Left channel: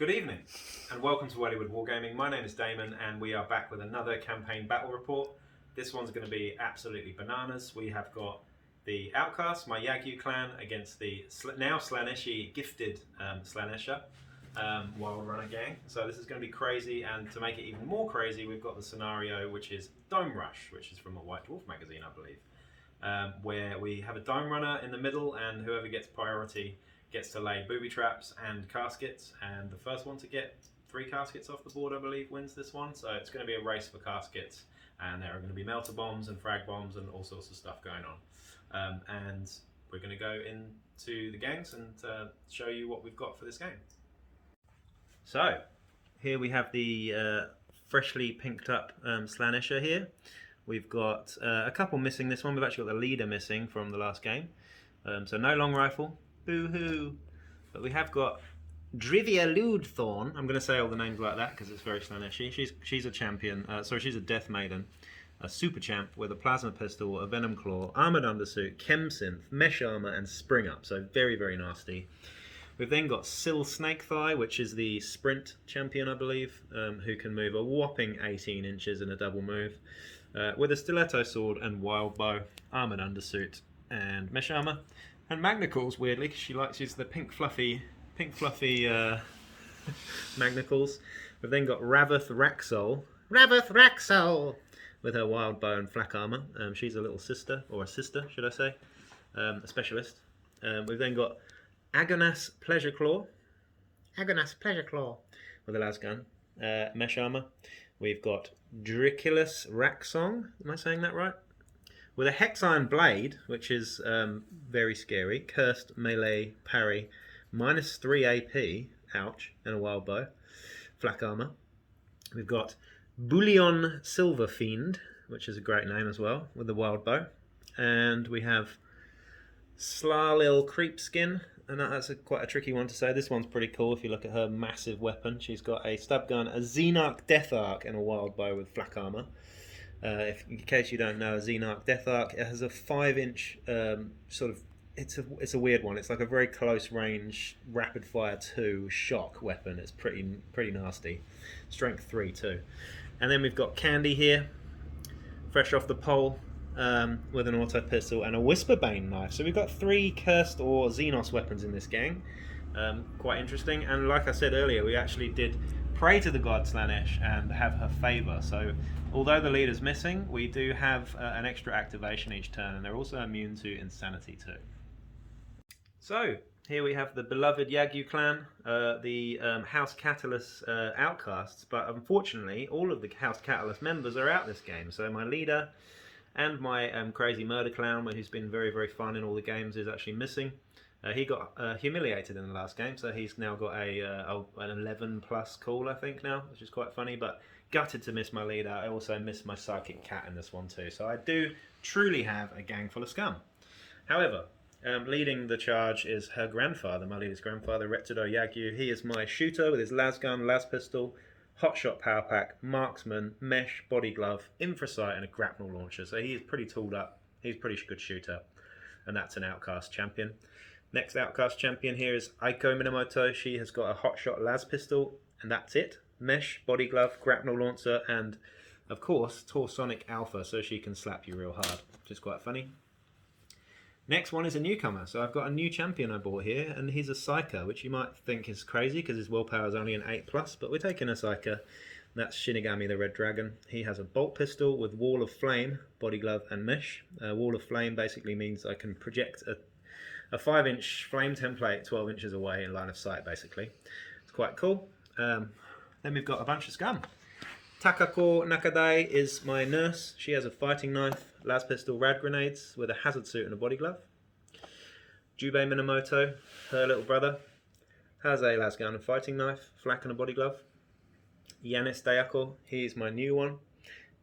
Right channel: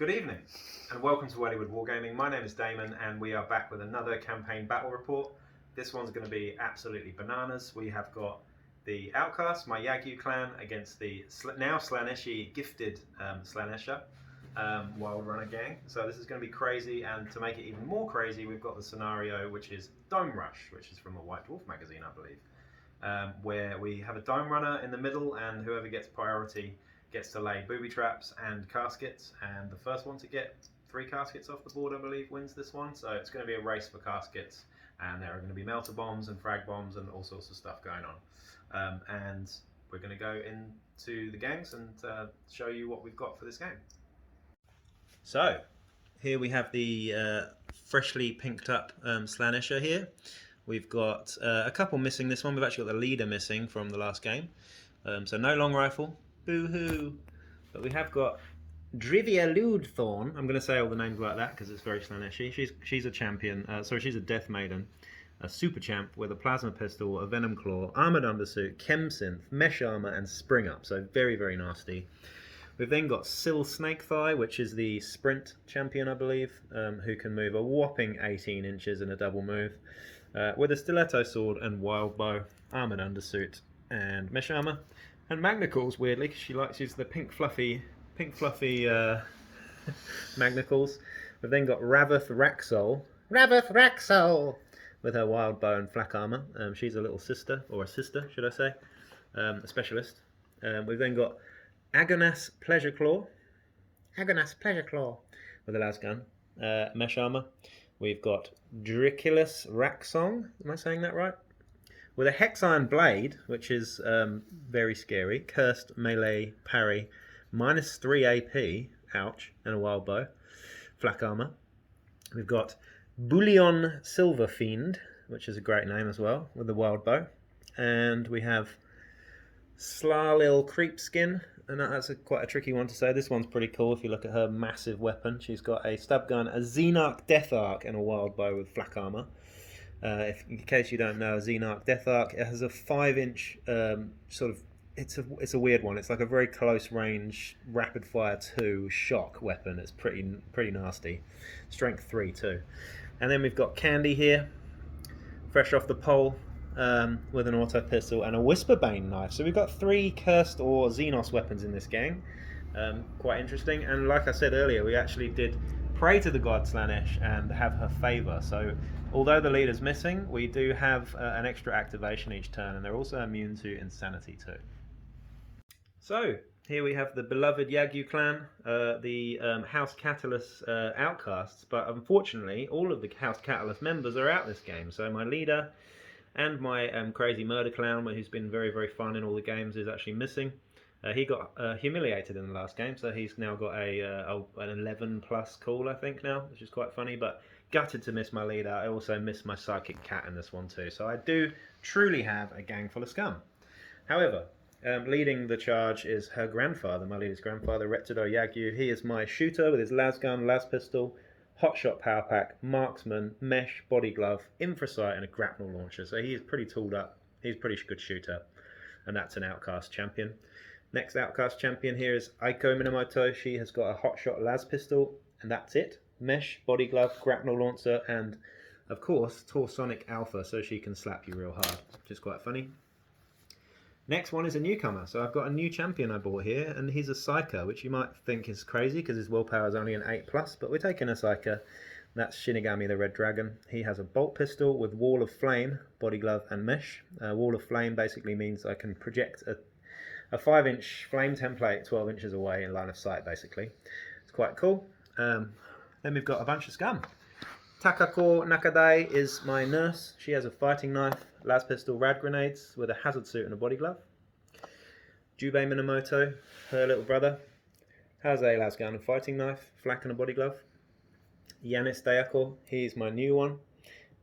Good evening, and welcome to Wellywood Wargaming. My name is Damon, and we are back with another campaign battle report. This one's going to be absolutely bananas. We have got the Outcasts, my Yagyu clan, against the now Slaanesh gifted Slaanesher Wild Runner gang. So this is going to be crazy, and to make it even more crazy, we've got the scenario which is Dome Rush, which is from a White Dwarf magazine, I believe, where we have a Dome Runner in the middle, and whoever gets priority gets to lay booby traps and caskets, and the first one to get 3 caskets off the board, I believe, wins this one. So it's going to be a race for caskets, and there are going to be melter bombs and frag bombs and all sorts of stuff going on. And we're going to go into the gangs and show you what we've got for this game. So here we have the freshly pinked up Slaanesher here. We've got a couple missing this one. We've actually got the leader missing from the last game. So no long rifle. Boo-hoo. But we have got Drivia Ludthorn. I'm going to say all the names like that because it's very Slaanesh. She's a champion. She's a Death Maiden. A super champ with a plasma pistol, a venom claw, armoured undersuit, chemsynth, mesh armour and spring up. So very, very nasty. We've then got Syl Snakethigh, which is the sprint champion, I believe, who can move a whopping 18 inches in a double move. With a stiletto sword and wild bow, armoured undersuit and mesh armour. And Magnicals, weirdly, because she likes to use the pink fluffy Magnicals. We've then got Raveth Raxol, with her wild bow and flak armour. She's a little sister, or a sister, should I say, a specialist. We've then got Agonas Pleasureclaw, with a lasgun, mesh armour. We've got Driculus Raxong, am I saying that right? With a Hex Iron Blade, which is very scary, cursed melee parry, -3 AP, ouch, and a wild bow, flak armour. We've got Bullion Silver Fiend, which is a great name as well, with the wild bow. And we have Slalil Creepskin, and that's quite a tricky one to say. This one's pretty cool if you look at her massive weapon. She's got a stub gun, a Xenarch Death Arc, and a wild bow with flak armour. In case you don't know, a Xenarch Death Arc, it has a 5-inch sort of, it's a weird one. It's like a very close range rapid fire 2 shock weapon. It's pretty nasty. Strength 3 too. And then we've got Candy here, fresh off the pole, with an auto pistol and a Whisperbane knife. So we've got 3 cursed or Xenos weapons in this gang. Quite interesting. And like I said earlier, we actually did pray to the god Slaanesh and have her favour. So although the leader's missing, we do have an extra activation each turn, and they're also immune to insanity too. So here we have the beloved Yagyu clan, the House Catallus Outcasts, but unfortunately all of the House Catallus members are out this game. So my leader and my crazy murder clown, who's been very, very fun in all the games, is actually missing. He got humiliated in the last game, so he's now got an 11 plus call, I think, now, which is quite funny, but gutted to miss my leader. I also missed my psychic cat in this one too, so I do truly have a gang full of scum. However, leading the charge is her grandfather, my leader's grandfather, Retsudo Yagyu. He is my shooter with his lasgun, las pistol, hotshot power pack, marksman, mesh, body glove, infrasight and a grapnel launcher, so he is pretty tooled up. He's a pretty good shooter, and that's an Outcast champion. Next Outcast champion here is Aiko Minamoto. She has got a hotshot las pistol, and that's it. Mesh, body glove, grapnel launcher, and of course Torsonic Alpha, so she can slap you real hard, which is quite funny. Next one is a newcomer, so I've got a new champion I bought here, and he's a Psyker, which you might think is crazy because his willpower is only an 8+, but we're taking a Psyker. That's Shinigami the Red Dragon. He has a bolt pistol with Wall of Flame, body glove and mesh. Wall of Flame basically means I can project a 5-inch flame template 12 inches away in line of sight, basically. It's quite cool. Then we've got a bunch of scum. Takako Nakadai is my nurse. She has a fighting knife, las pistol, rad grenades with a hazard suit and a body glove. Jubei Minamoto, her little brother, has a lasgun and fighting knife, flak and a body glove. Yanis Dayako, he's my new one.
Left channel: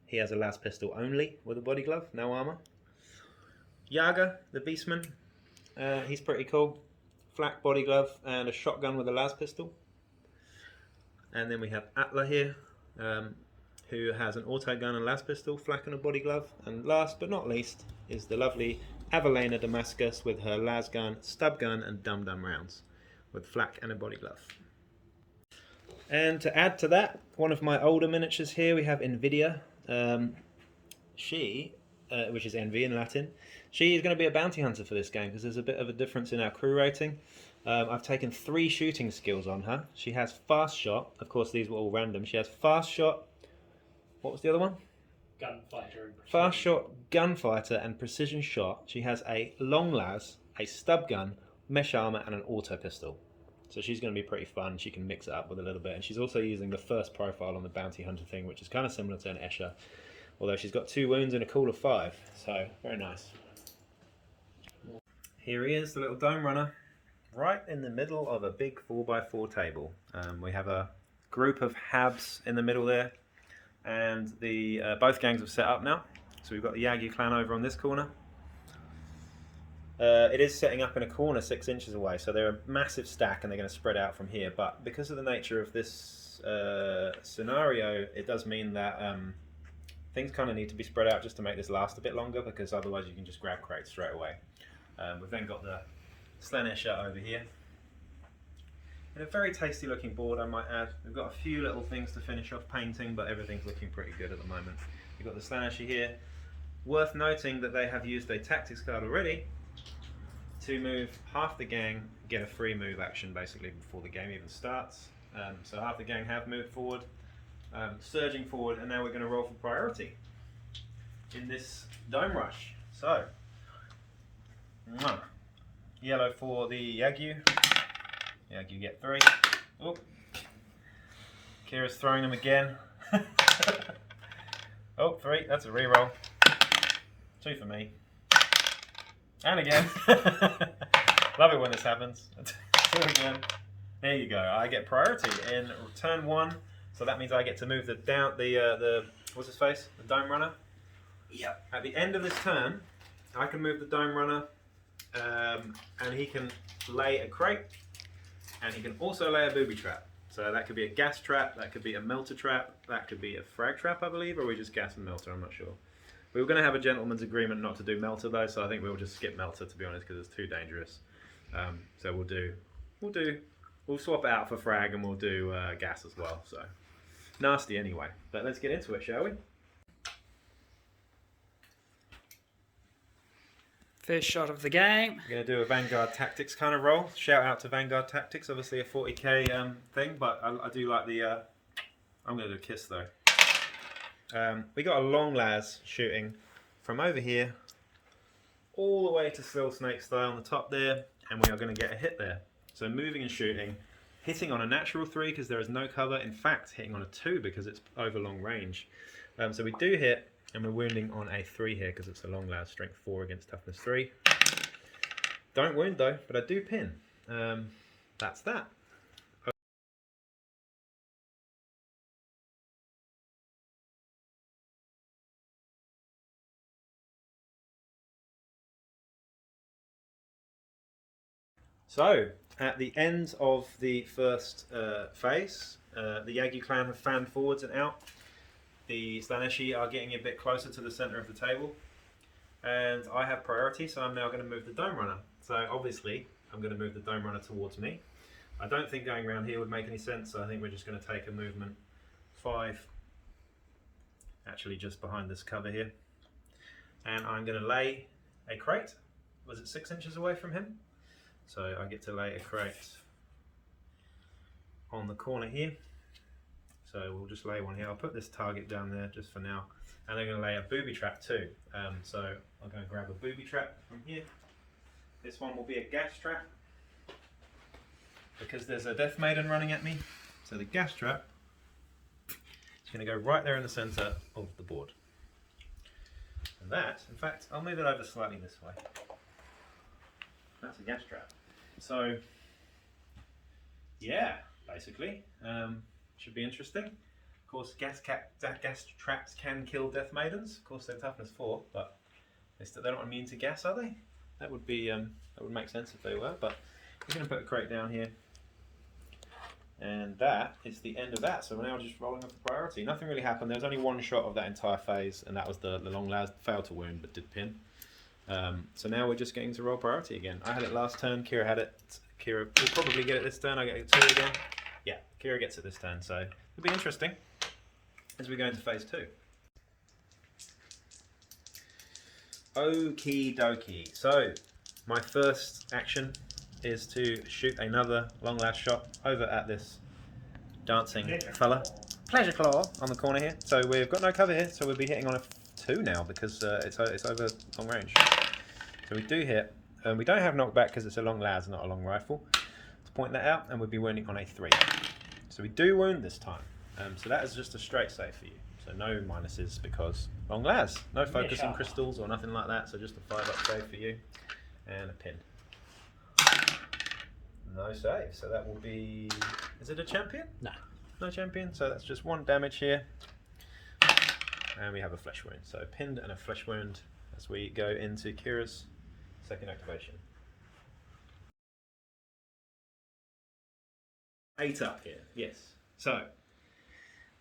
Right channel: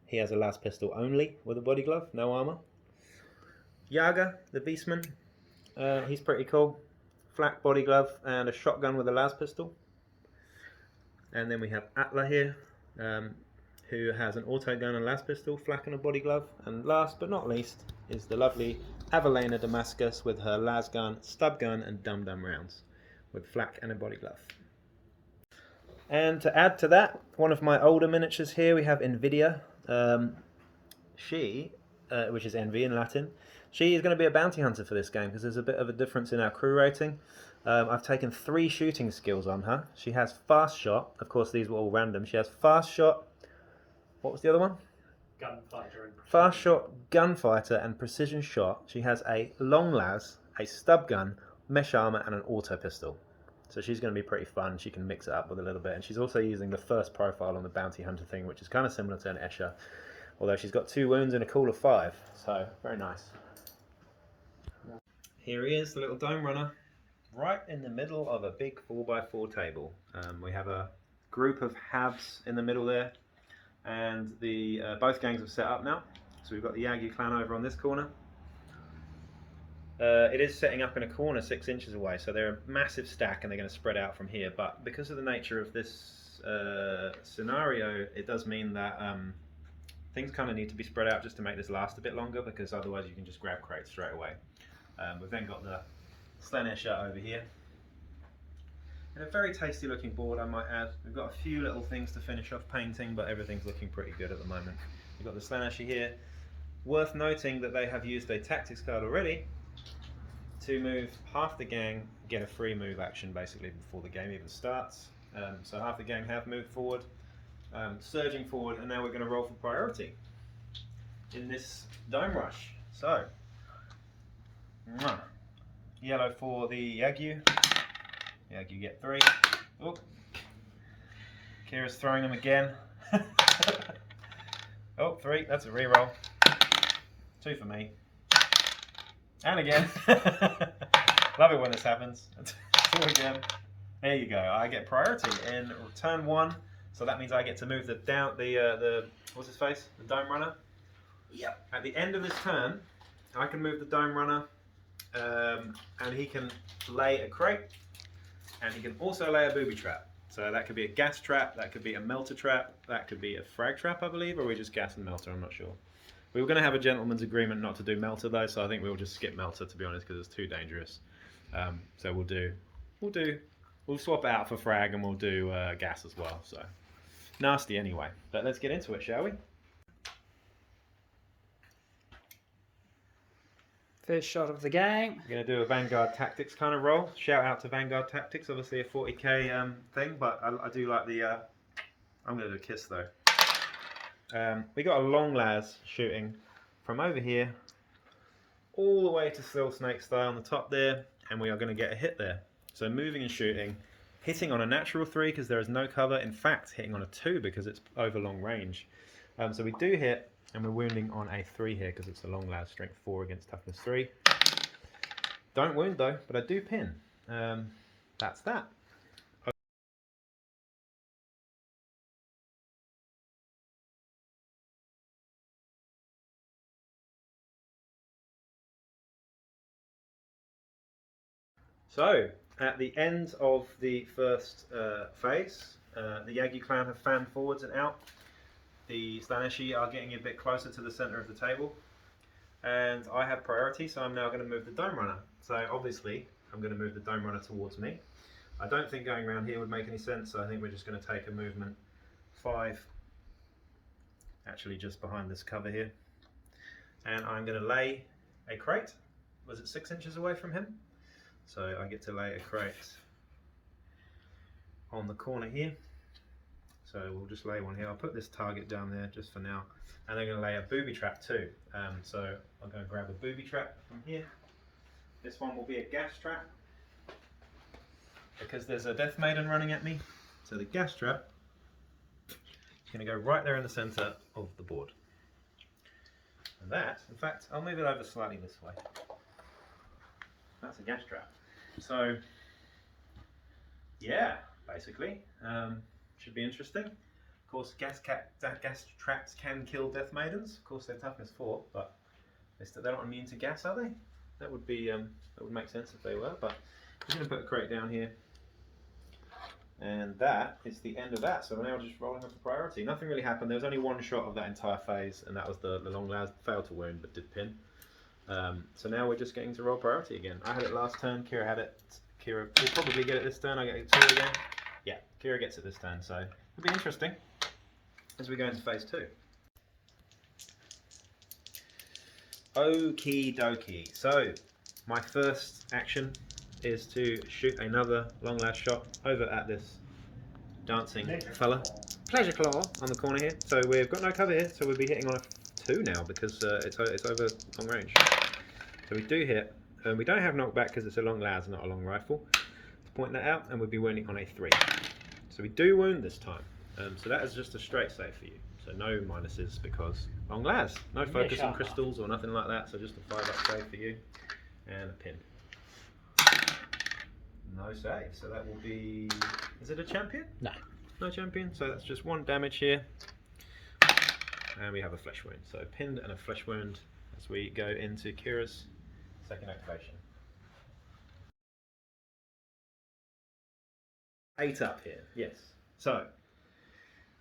He has a las pistol only with a body glove, no armour. Yaga, the beastman, he's pretty cool. Flak, body glove and a shotgun with a las pistol. And then we have Atla here, who has an auto gun and las pistol, flak and a body glove. And last but not least is the lovely Avalena Damascus with her las gun, stub gun and dum-dum rounds with flak and a body glove. And to add to that, one of my older miniatures here, we have Nvidia. She, which is Envy in Latin, she is going to be a bounty hunter for this game because there's a bit of a difference in our crew rating. I've taken 3 shooting skills on her. She has fast shot. Of course, these were all random. She has fast shot. What was the other one? Gunfighter and fast shot, gunfighter, and precision shot. She has a long las, a stub gun, mesh armor, and an auto pistol. So she's going to be pretty fun. She can mix it up with a little bit. And she's also using the first profile on the bounty hunter thing, which is kind of similar to an Escher. Although she's got 2 wounds and a cool of 5. So, very nice. Here he is, the little dome runner. Right in the middle of a big 4x4 table. We have a group of Habs in the middle there. And the both gangs have set up now. So we've got the Yagi clan over on this corner. It is setting up in a corner 6 inches away, so they're a massive stack and they're going to spread out from here. But because of the nature of this scenario, it does mean that things kind of need to be spread out just to make this last a bit longer, because otherwise you can just grab crates straight away. We've then got the Slaanesh over here. And a very tasty looking board, I might add. We've got a few little things to finish off painting, but everything's looking pretty good at the moment. We've got the Slaanesh here. Worth noting that they have used a tactics card already to move half the gang, get a free move action basically before the game even starts. So half the gang have moved forward, surging forward, and now we're going to roll for priority in this dome rush. So, yellow for the Yagyu. Yagyu get 3. Oh, Kira's throwing them again. Oh, 3, that's a reroll. 2 for me. And again. Love it when this happens. 2 again. There you go. I get priority in turn 1, so that means I get to move the what's his face? The dome runner. Yep. At the end of this turn, I can move the dome runner, and he can lay a crate, and he can also lay a booby trap. So that could be a gas trap, that could be a melter trap, that could be a frag trap, I believe, or we just gas and melter. I'm not sure. We were going to have a gentleman's agreement not to do melter though, so I think we'll just skip melter, to be honest, because it's too dangerous. So we'll swap it out for frag, and we'll do gas as well. So nasty anyway. But let's get into it, shall we? First shot of the game. We're going to do a Vanguard Tactics kind of roll. Shout out to Vanguard Tactics, obviously a 40k thing, but I do like the... I'm going to do a kiss though. We got a long las shooting from over here all the way to Still Snake Style on the top there, and we are going to get a hit there. So moving and shooting, hitting on a natural 3 because there is no cover, in fact hitting on a 2 because it's over long range. So we do hit, and we're wounding on a 3 here because it's a long las, strength 4 against toughness 3. Don't wound though, but I do pin. That's that. So, at the end of the first phase, the Yagi clan have fanned forwards and out. The Slaaneshi are getting a bit closer to the centre of the table. And I have priority, so I'm now going to move the Dome Runner. So obviously, I'm going to move the Dome Runner towards me. I don't think going around here would make any sense, so I think we're just going to take a movement 5, actually just behind this cover here. And I'm going to lay a crate. Was it 6 inches away from him? So I get to lay a crate on the corner here. So we'll just lay one here. I'll put this target down there just for now. And they're going to lay a booby trap too. So I'm going to grab a booby trap from here. This one will be a gas trap, because there's a Death Maiden running at me. So the gas trap is going to go right there in the centre of the board. And that, in fact, I'll move it over slightly this way. That's a gas trap. So, yeah, basically, should be interesting. Of course, gas traps can kill Death Maidens. Of course, they're toughness 4, but they're not immune to gas, are they? That would be that would make sense if they were. But we're going to put a crate down here, and that is the end of that. So we're now just rolling up the priority. Nothing really happened. There was only one shot of that entire phase, and that was the long las. Failed to wound, but did pin. So now we're just getting to roll priority again. I had it last turn, Kira had it. Kira will probably get it this turn. I get it 2 again. Yeah, Kira gets it this turn, so it'll be interesting as we go into phase 2. Okie dokie. So, my first action is to shoot another long lad shot over at this dancing fella. Pleasure claw on the corner here. So we've got no cover here, so we'll be hitting on a 2 now because it's over long range. So we do hit. We don't have knockback because it's a long las, not a long rifle. To point that out, and we'll be wounding on a 3. So we do wound this time. So that is just a straight save for you. So no minuses because long las. No focusing crystals or nothing like that. So just a 5-up save for you. And a pin. No save. So that will be... Is it a champion? No. No champion. So that's just 1 damage here. And we have a flesh wound. So pinned and a flesh wound as we go into Kira's second activation. 8 up here, yes. So,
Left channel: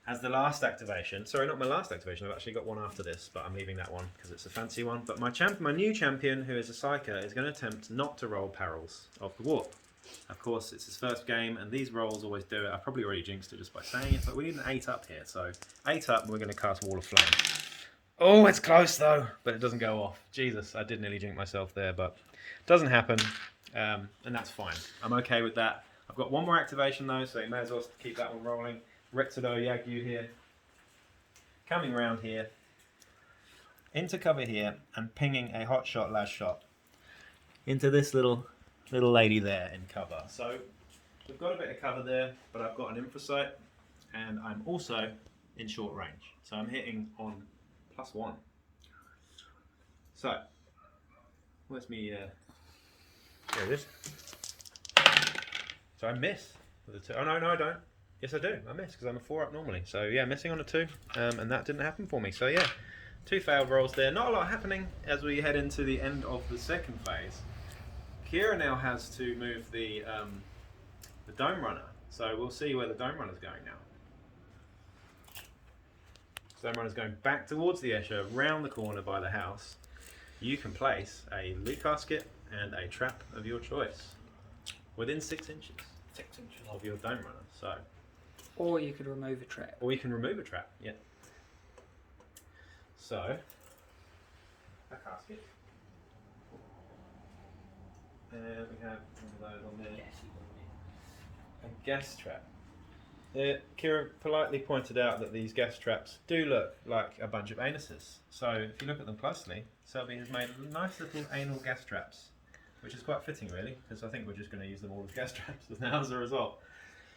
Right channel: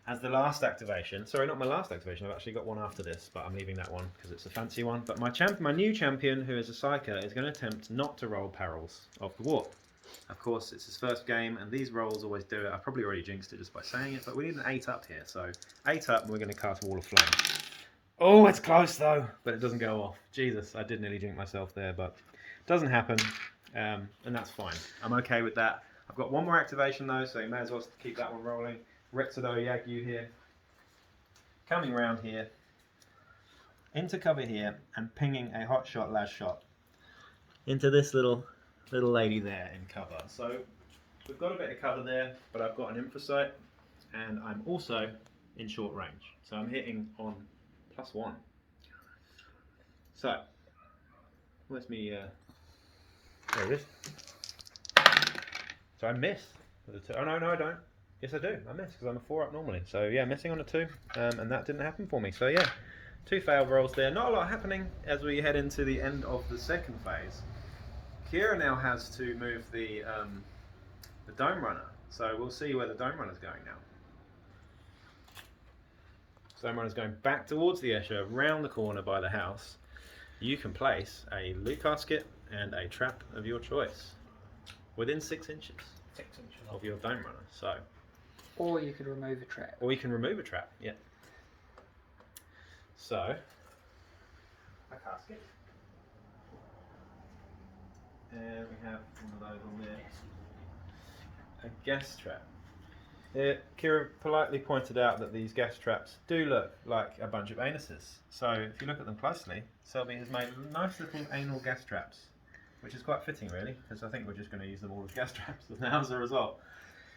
as the last activation, sorry, not my last activation, I've actually got one after this, but I'm leaving that one because it's a fancy one. But my new champion, who is a Psyker, is going to attempt not to roll perils of the warp. Of course, it's his first game, and these rolls always do it. I've probably already jinxed it just by saying it, but we need an 8 up here. So, 8 up, and we're going to cast Wall of Flame. Oh, it's close though, but it doesn't go off. Jesus, I did nearly jinx myself there, but it doesn't happen, and that's fine. I'm okay with that. I've got one more activation though, so you may as well keep that one rolling. Retsudo Yagyu here, coming around here, into cover here, and pinging a hot shot, last shot, into this little lady there in cover. So we've got a bit of cover there, but I've got an infrasight, and I'm also in short range. So I'm hitting on +1. So, where's me? There it is. So I miss with a 2. Oh no, I don't. Yes, I do. I miss because I'm a 4 up normally. So yeah, missing on a 2, and that didn't happen for me. So yeah, 2 failed rolls there. Not a lot happening as we head into the end of the second phase. Kira now has to move the Dome Runner. So we'll see where the Dome Runner's going now. So Dome Runner's going back towards the Escher, round the corner by the house. You can place a loot casket and a trap of your choice within 6 inches. 6 inches Of your Dome Runner. So, or you could remove a trap. or you can remove a trap. Yeah. So, a casket, and we have one of those on there. A gas trap. Kira politely pointed out that these gas traps do look like a bunch of anuses. So if you look at them closely, Selby has made nice little anal gas traps, which is quite fitting really, because I think we're just going to use them all as gas traps now as a result.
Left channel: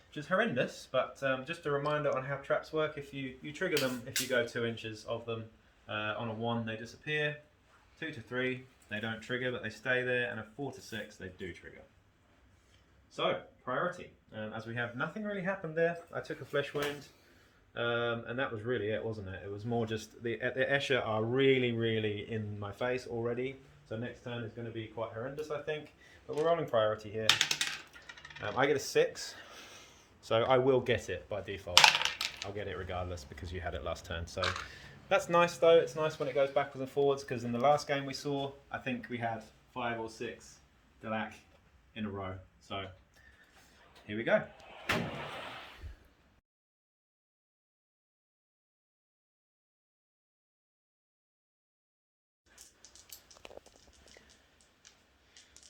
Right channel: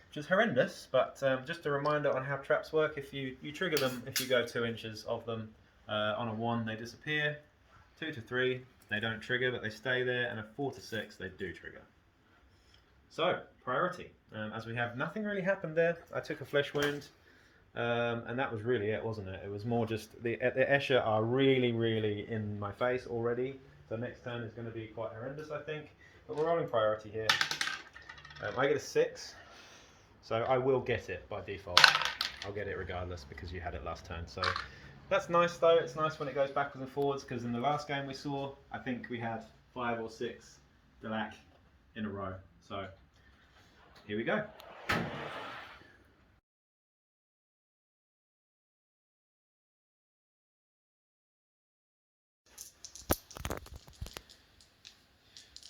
Which is horrendous, but just a reminder on how traps work. If you trigger them, if you go 2 inches of them, on a 1 they disappear, 2 to 3 they don't trigger but they stay there, and a 4 to 6 they do trigger. So, priority. As we have nothing really happened there, I took a flesh wound, and that was really it, wasn't it? It was more just, the Escher are really in my face already, so next turn is going to be quite horrendous, I think. But we're rolling priority here. I get a 6, so I will get it by default. I'll get it regardless because you had it last turn. So that's nice though, it's nice when it goes backwards and forwards, because in the last game we saw, I think we had 5 or 6 Delac in a row. So here we go.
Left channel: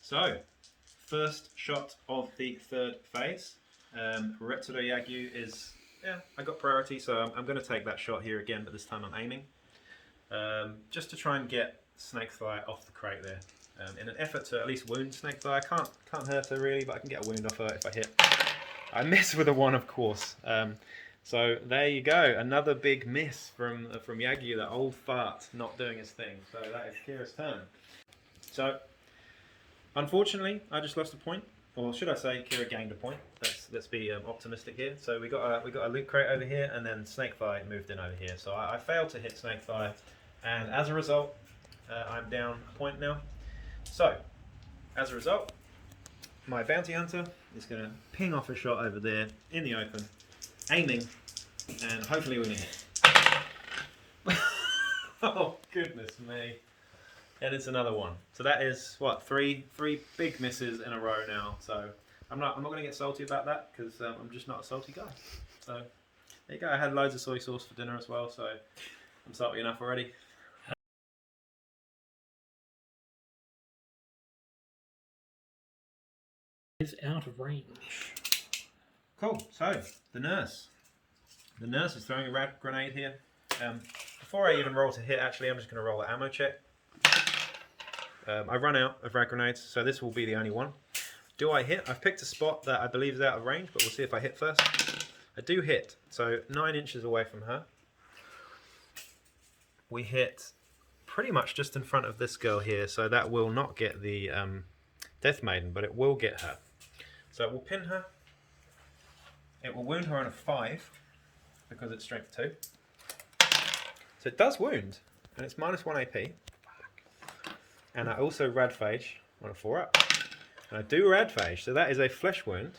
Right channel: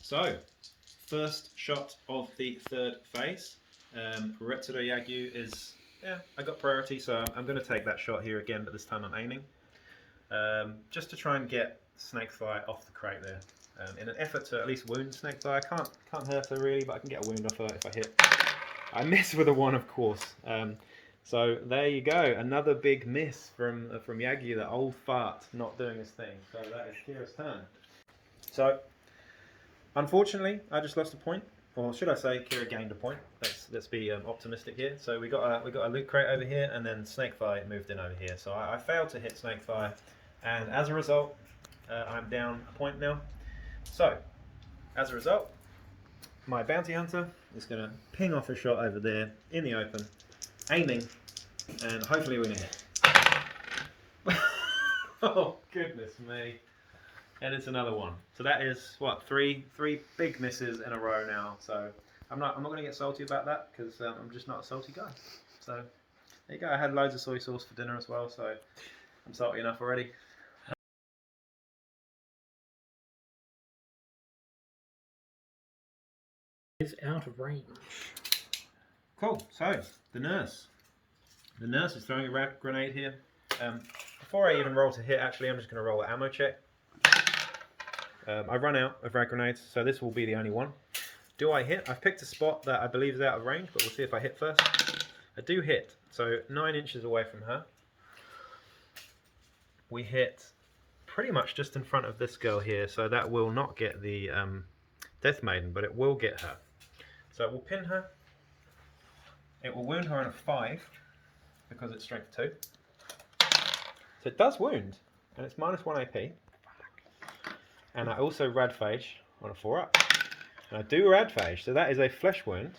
So, first shot of the third phase. Retsudo Yagyu is, yeah, I got priority, so I'm going to take that shot here again, but this time I'm aiming. Just to try and get Snake Thigh off the crate there. In an effort to at least wound Snake Thigh. I can't hurt her really, but I can get a wound off her if I hit. I miss with a 1, of course. So there you go, another big miss from Yagyu, the old fart, not doing his thing. So that is Kira's turn. So, unfortunately, I just lost a point. Or should I say, Kira gained a point. Let's be optimistic here. So we got a loot crate over here, and then Snake Thigh moved in over here. So I failed to hit Snake Thigh, and as a result, I'm down a point now. So, as a result, my bounty hunter is going to ping off a shot over there in the open, aiming, and hopefully we're going to hit. Oh, goodness me. And it's another 1. So that is, what, three big misses in a row now. So I'm not going to get salty about that because I'm just not a salty guy. So there you go. I had loads of soy sauce for dinner as well, so I'm salty enough already. Is out of range. Cool. So the nurse is throwing a rad grenade here. Before I even roll to hit, actually, I'm just going to roll an ammo check. I run out of rad grenades, so this will be the only one. Do I hit? I've picked a spot that I believe is out of range, but we'll see if I hit first. I do hit, so 9 inches away from her. We hit pretty much just in front of this girl here, so that will not get the Death Maiden, but it will get her. So it will pin her. It will wound her on a 5 because it's strength 2. So it does wound, and it's -1 AP. And I also radphage on a 4 up. And I do radphage, so that is a flesh wound.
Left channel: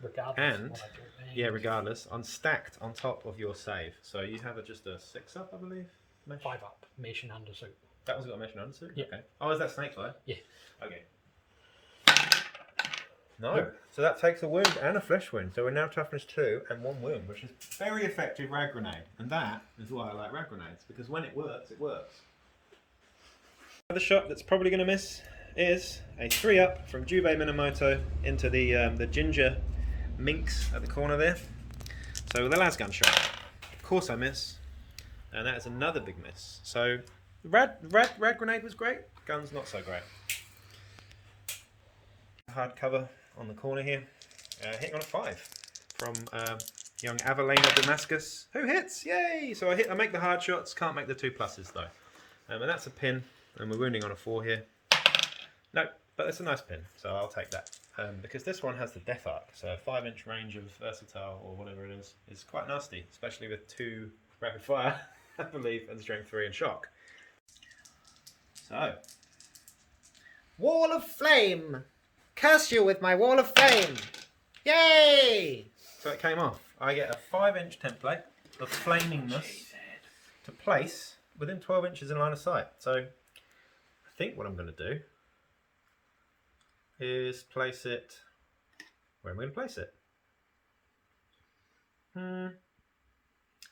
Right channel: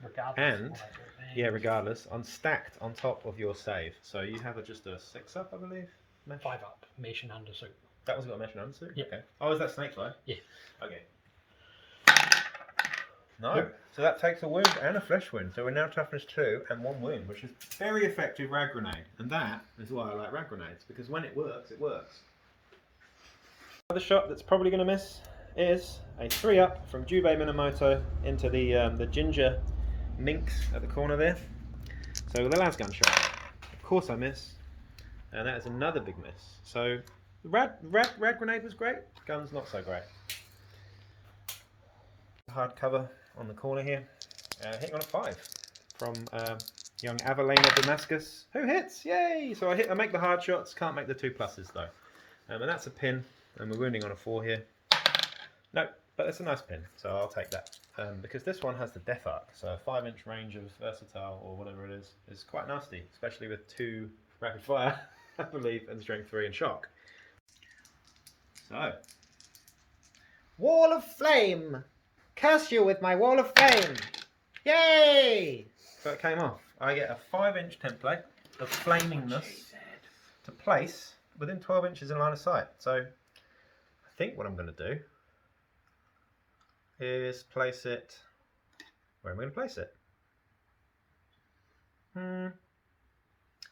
Regardless. And of what I do, yeah, regardless, stacked on top of your save. So you have just a 6 up, I believe. Mesh? 5 up, mesh and undersuit. That one's got a mesh and undersuit? Yeah. Okay. Oh, is that snake fly? Yeah. Okay. No. So that takes a wound and a flesh wound. So we're now toughness 2 and 1 wound, which is very effective rad grenade. And that is why I like rad grenades, because when it works, it works. Another shot that's probably going to miss is a 3 up from Aiko Minamoto into the ginger minx at the corner there. So with a lasgun shot, of course I miss, and that is another big miss. So rad grenade was great, guns not so great. Hard cover on the corner here, hitting on a 5 from young Avelina Damascus, who hits, yay! So I make the hard shots, can't make the 2 pluses though, and that's a pin, and we're wounding on a 4 here. No, but it's a nice pin, so I'll take that. Because this one has the death arc, so a 5-inch range of versatile or whatever it is quite nasty, especially with 2 rapid fire, I believe, and strength 3 and shock. So, Wall of Flame! Curse you with my Wall of Flame! Yay! so it came off. I get a 5-inch template of flamingness to place within 12 inches in line of sight. So, I think what I'm going to do is place it. Where am I going to place it?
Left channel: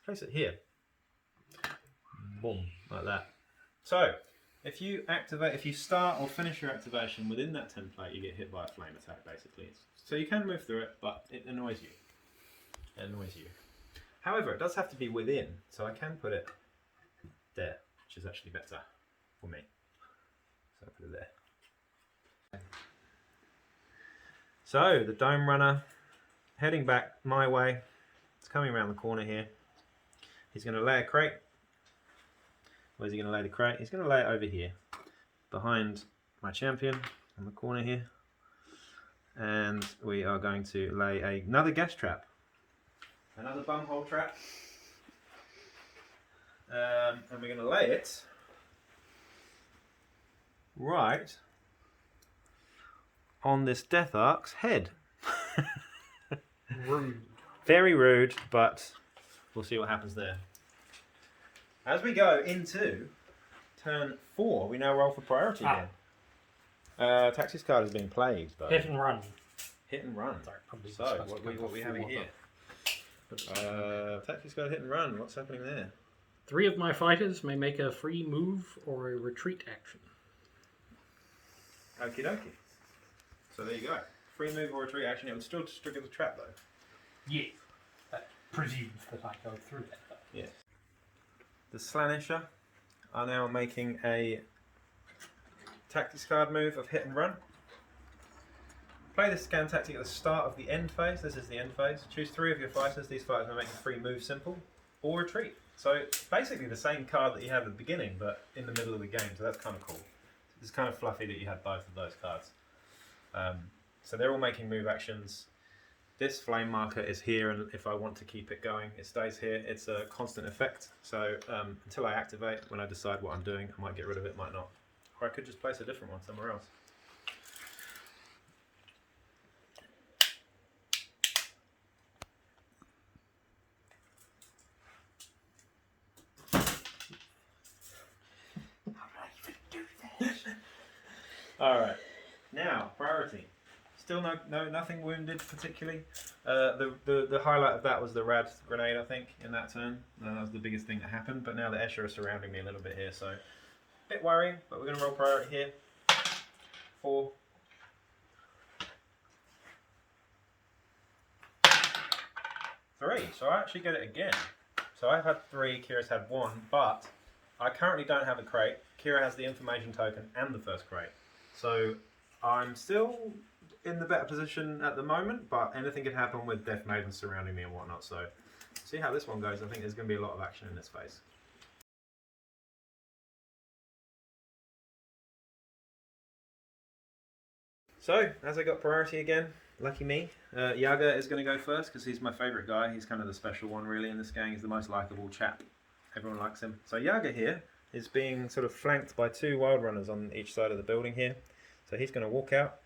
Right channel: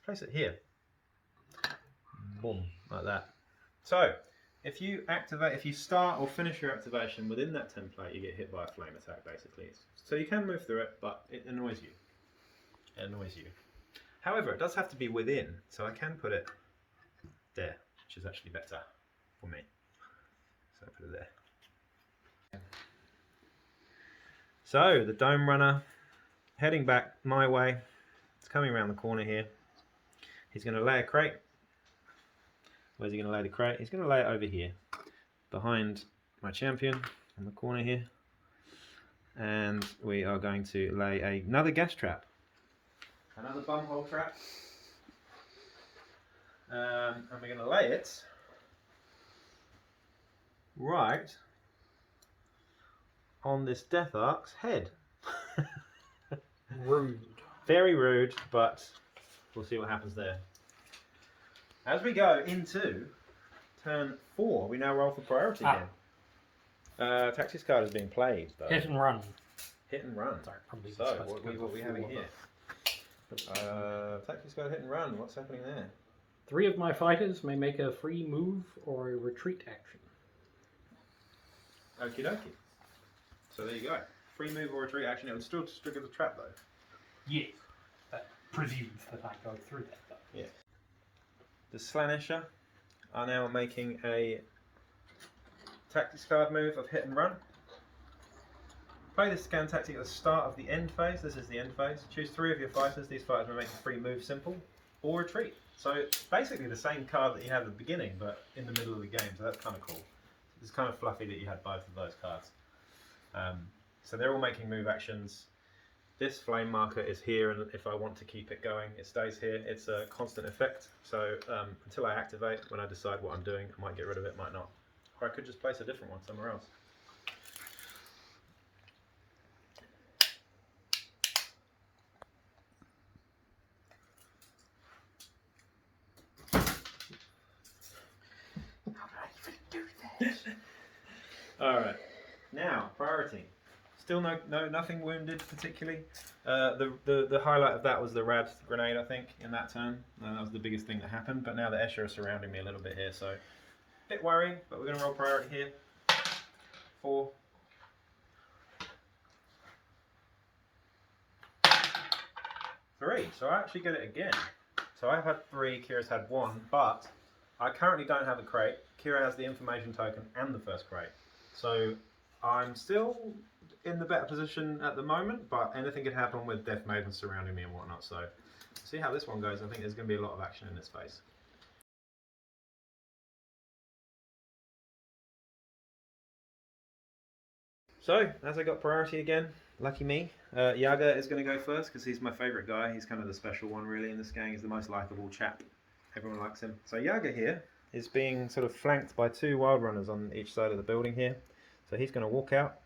Place it here. Boom, like that. So, if you start or finish your activation within that template, you get hit by a flame attack, basically. So you can move through it, but it annoys you. It annoys you. However, it does have to be within, so I can put it there, which is actually better for me. So I put it there. So the Dome Runner heading back my way. It's coming around the corner here. He's going to lay a crate. Where's he going to lay the crate? He's going to lay it over here, behind my champion in the corner here. And we are going to lay another gas trap. Another bumhole trap. And we're going to lay it right on this Death Ark's head. Rude. Very rude, but we'll see what happens there. As we go into turn 4, we now roll for priority again. Taxi's card is being played, though. Hit and run. Hit and run. Sorry, probably So, supposed to what go we for having 4, here? Taxi's card hit and run. What's happening there? 3 of my fighters may make a free move or a retreat action. Okie dokie. So there you go. Free move or retreat action. It would still trigger the trap, though. Yes. That presumes that I go through that, though. Yes. The Slaanesher are now making a tactics card move of hit and run. Play this scan tactic at the start of the end phase. This is the end phase. Choose 3 of your fighters. These fighters will make a free move simple or retreat. So basically the same card that you had at the beginning, but in the middle of the game. So that's kind of cool. It's kind of fluffy that you had both of those cards. So they're all making move actions. This flame marker is here, and if I want to keep it going, it stays here. It's a constant effect, so until I activate, when I decide what I'm doing, I might get rid of it, might not. Or I could just place a different one somewhere else. How did I even do that? Alright, now, priority. Still nothing wounded particularly. The highlight of that was the rad grenade, I think, in that turn. And that was the biggest thing that happened. But now the Escher are surrounding me a little bit here, so a bit worrying. But we're going to roll priority here. 4. 3. So I actually get it again. So I've had 3. Kira's had 1, but I currently don't have a crate. Kira has the information token and the first crate. So I'm still in the better position at the moment, but anything could happen with Death Maidens surrounding me and whatnot. So see how this one goes. I think there's going to be a lot of action in this phase. So, as I got priority again, lucky me, Yaga is going to go first because he's my favourite guy. He's kind of the special one really in this gang. He's the most likeable chap. Everyone likes him. So Yaga here is being sort of flanked by 2 wild runners on each side of the building here. So he's going to walk out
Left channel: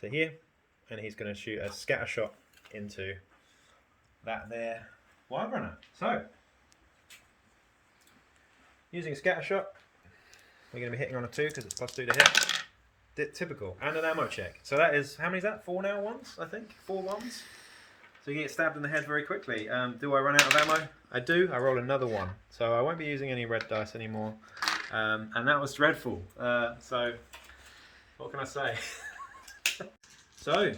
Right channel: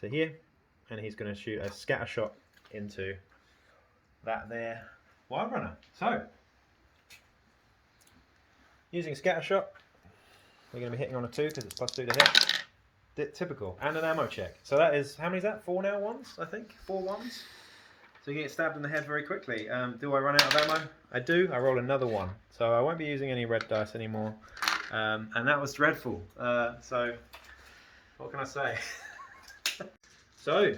to here and he's going to shoot a scatter shot into that there wild runner. So, using a scatter shot, we're going to be hitting on a 2 because it's +2 to hit. Typical. And an ammo check. So that is, how many is that? 4 now ones, I think? 4 ones. So you get stabbed in the head very quickly. Do I run out of ammo? I do. I roll another 1. So I won't be using any red dice anymore. And that was dreadful. So, what can I say? So,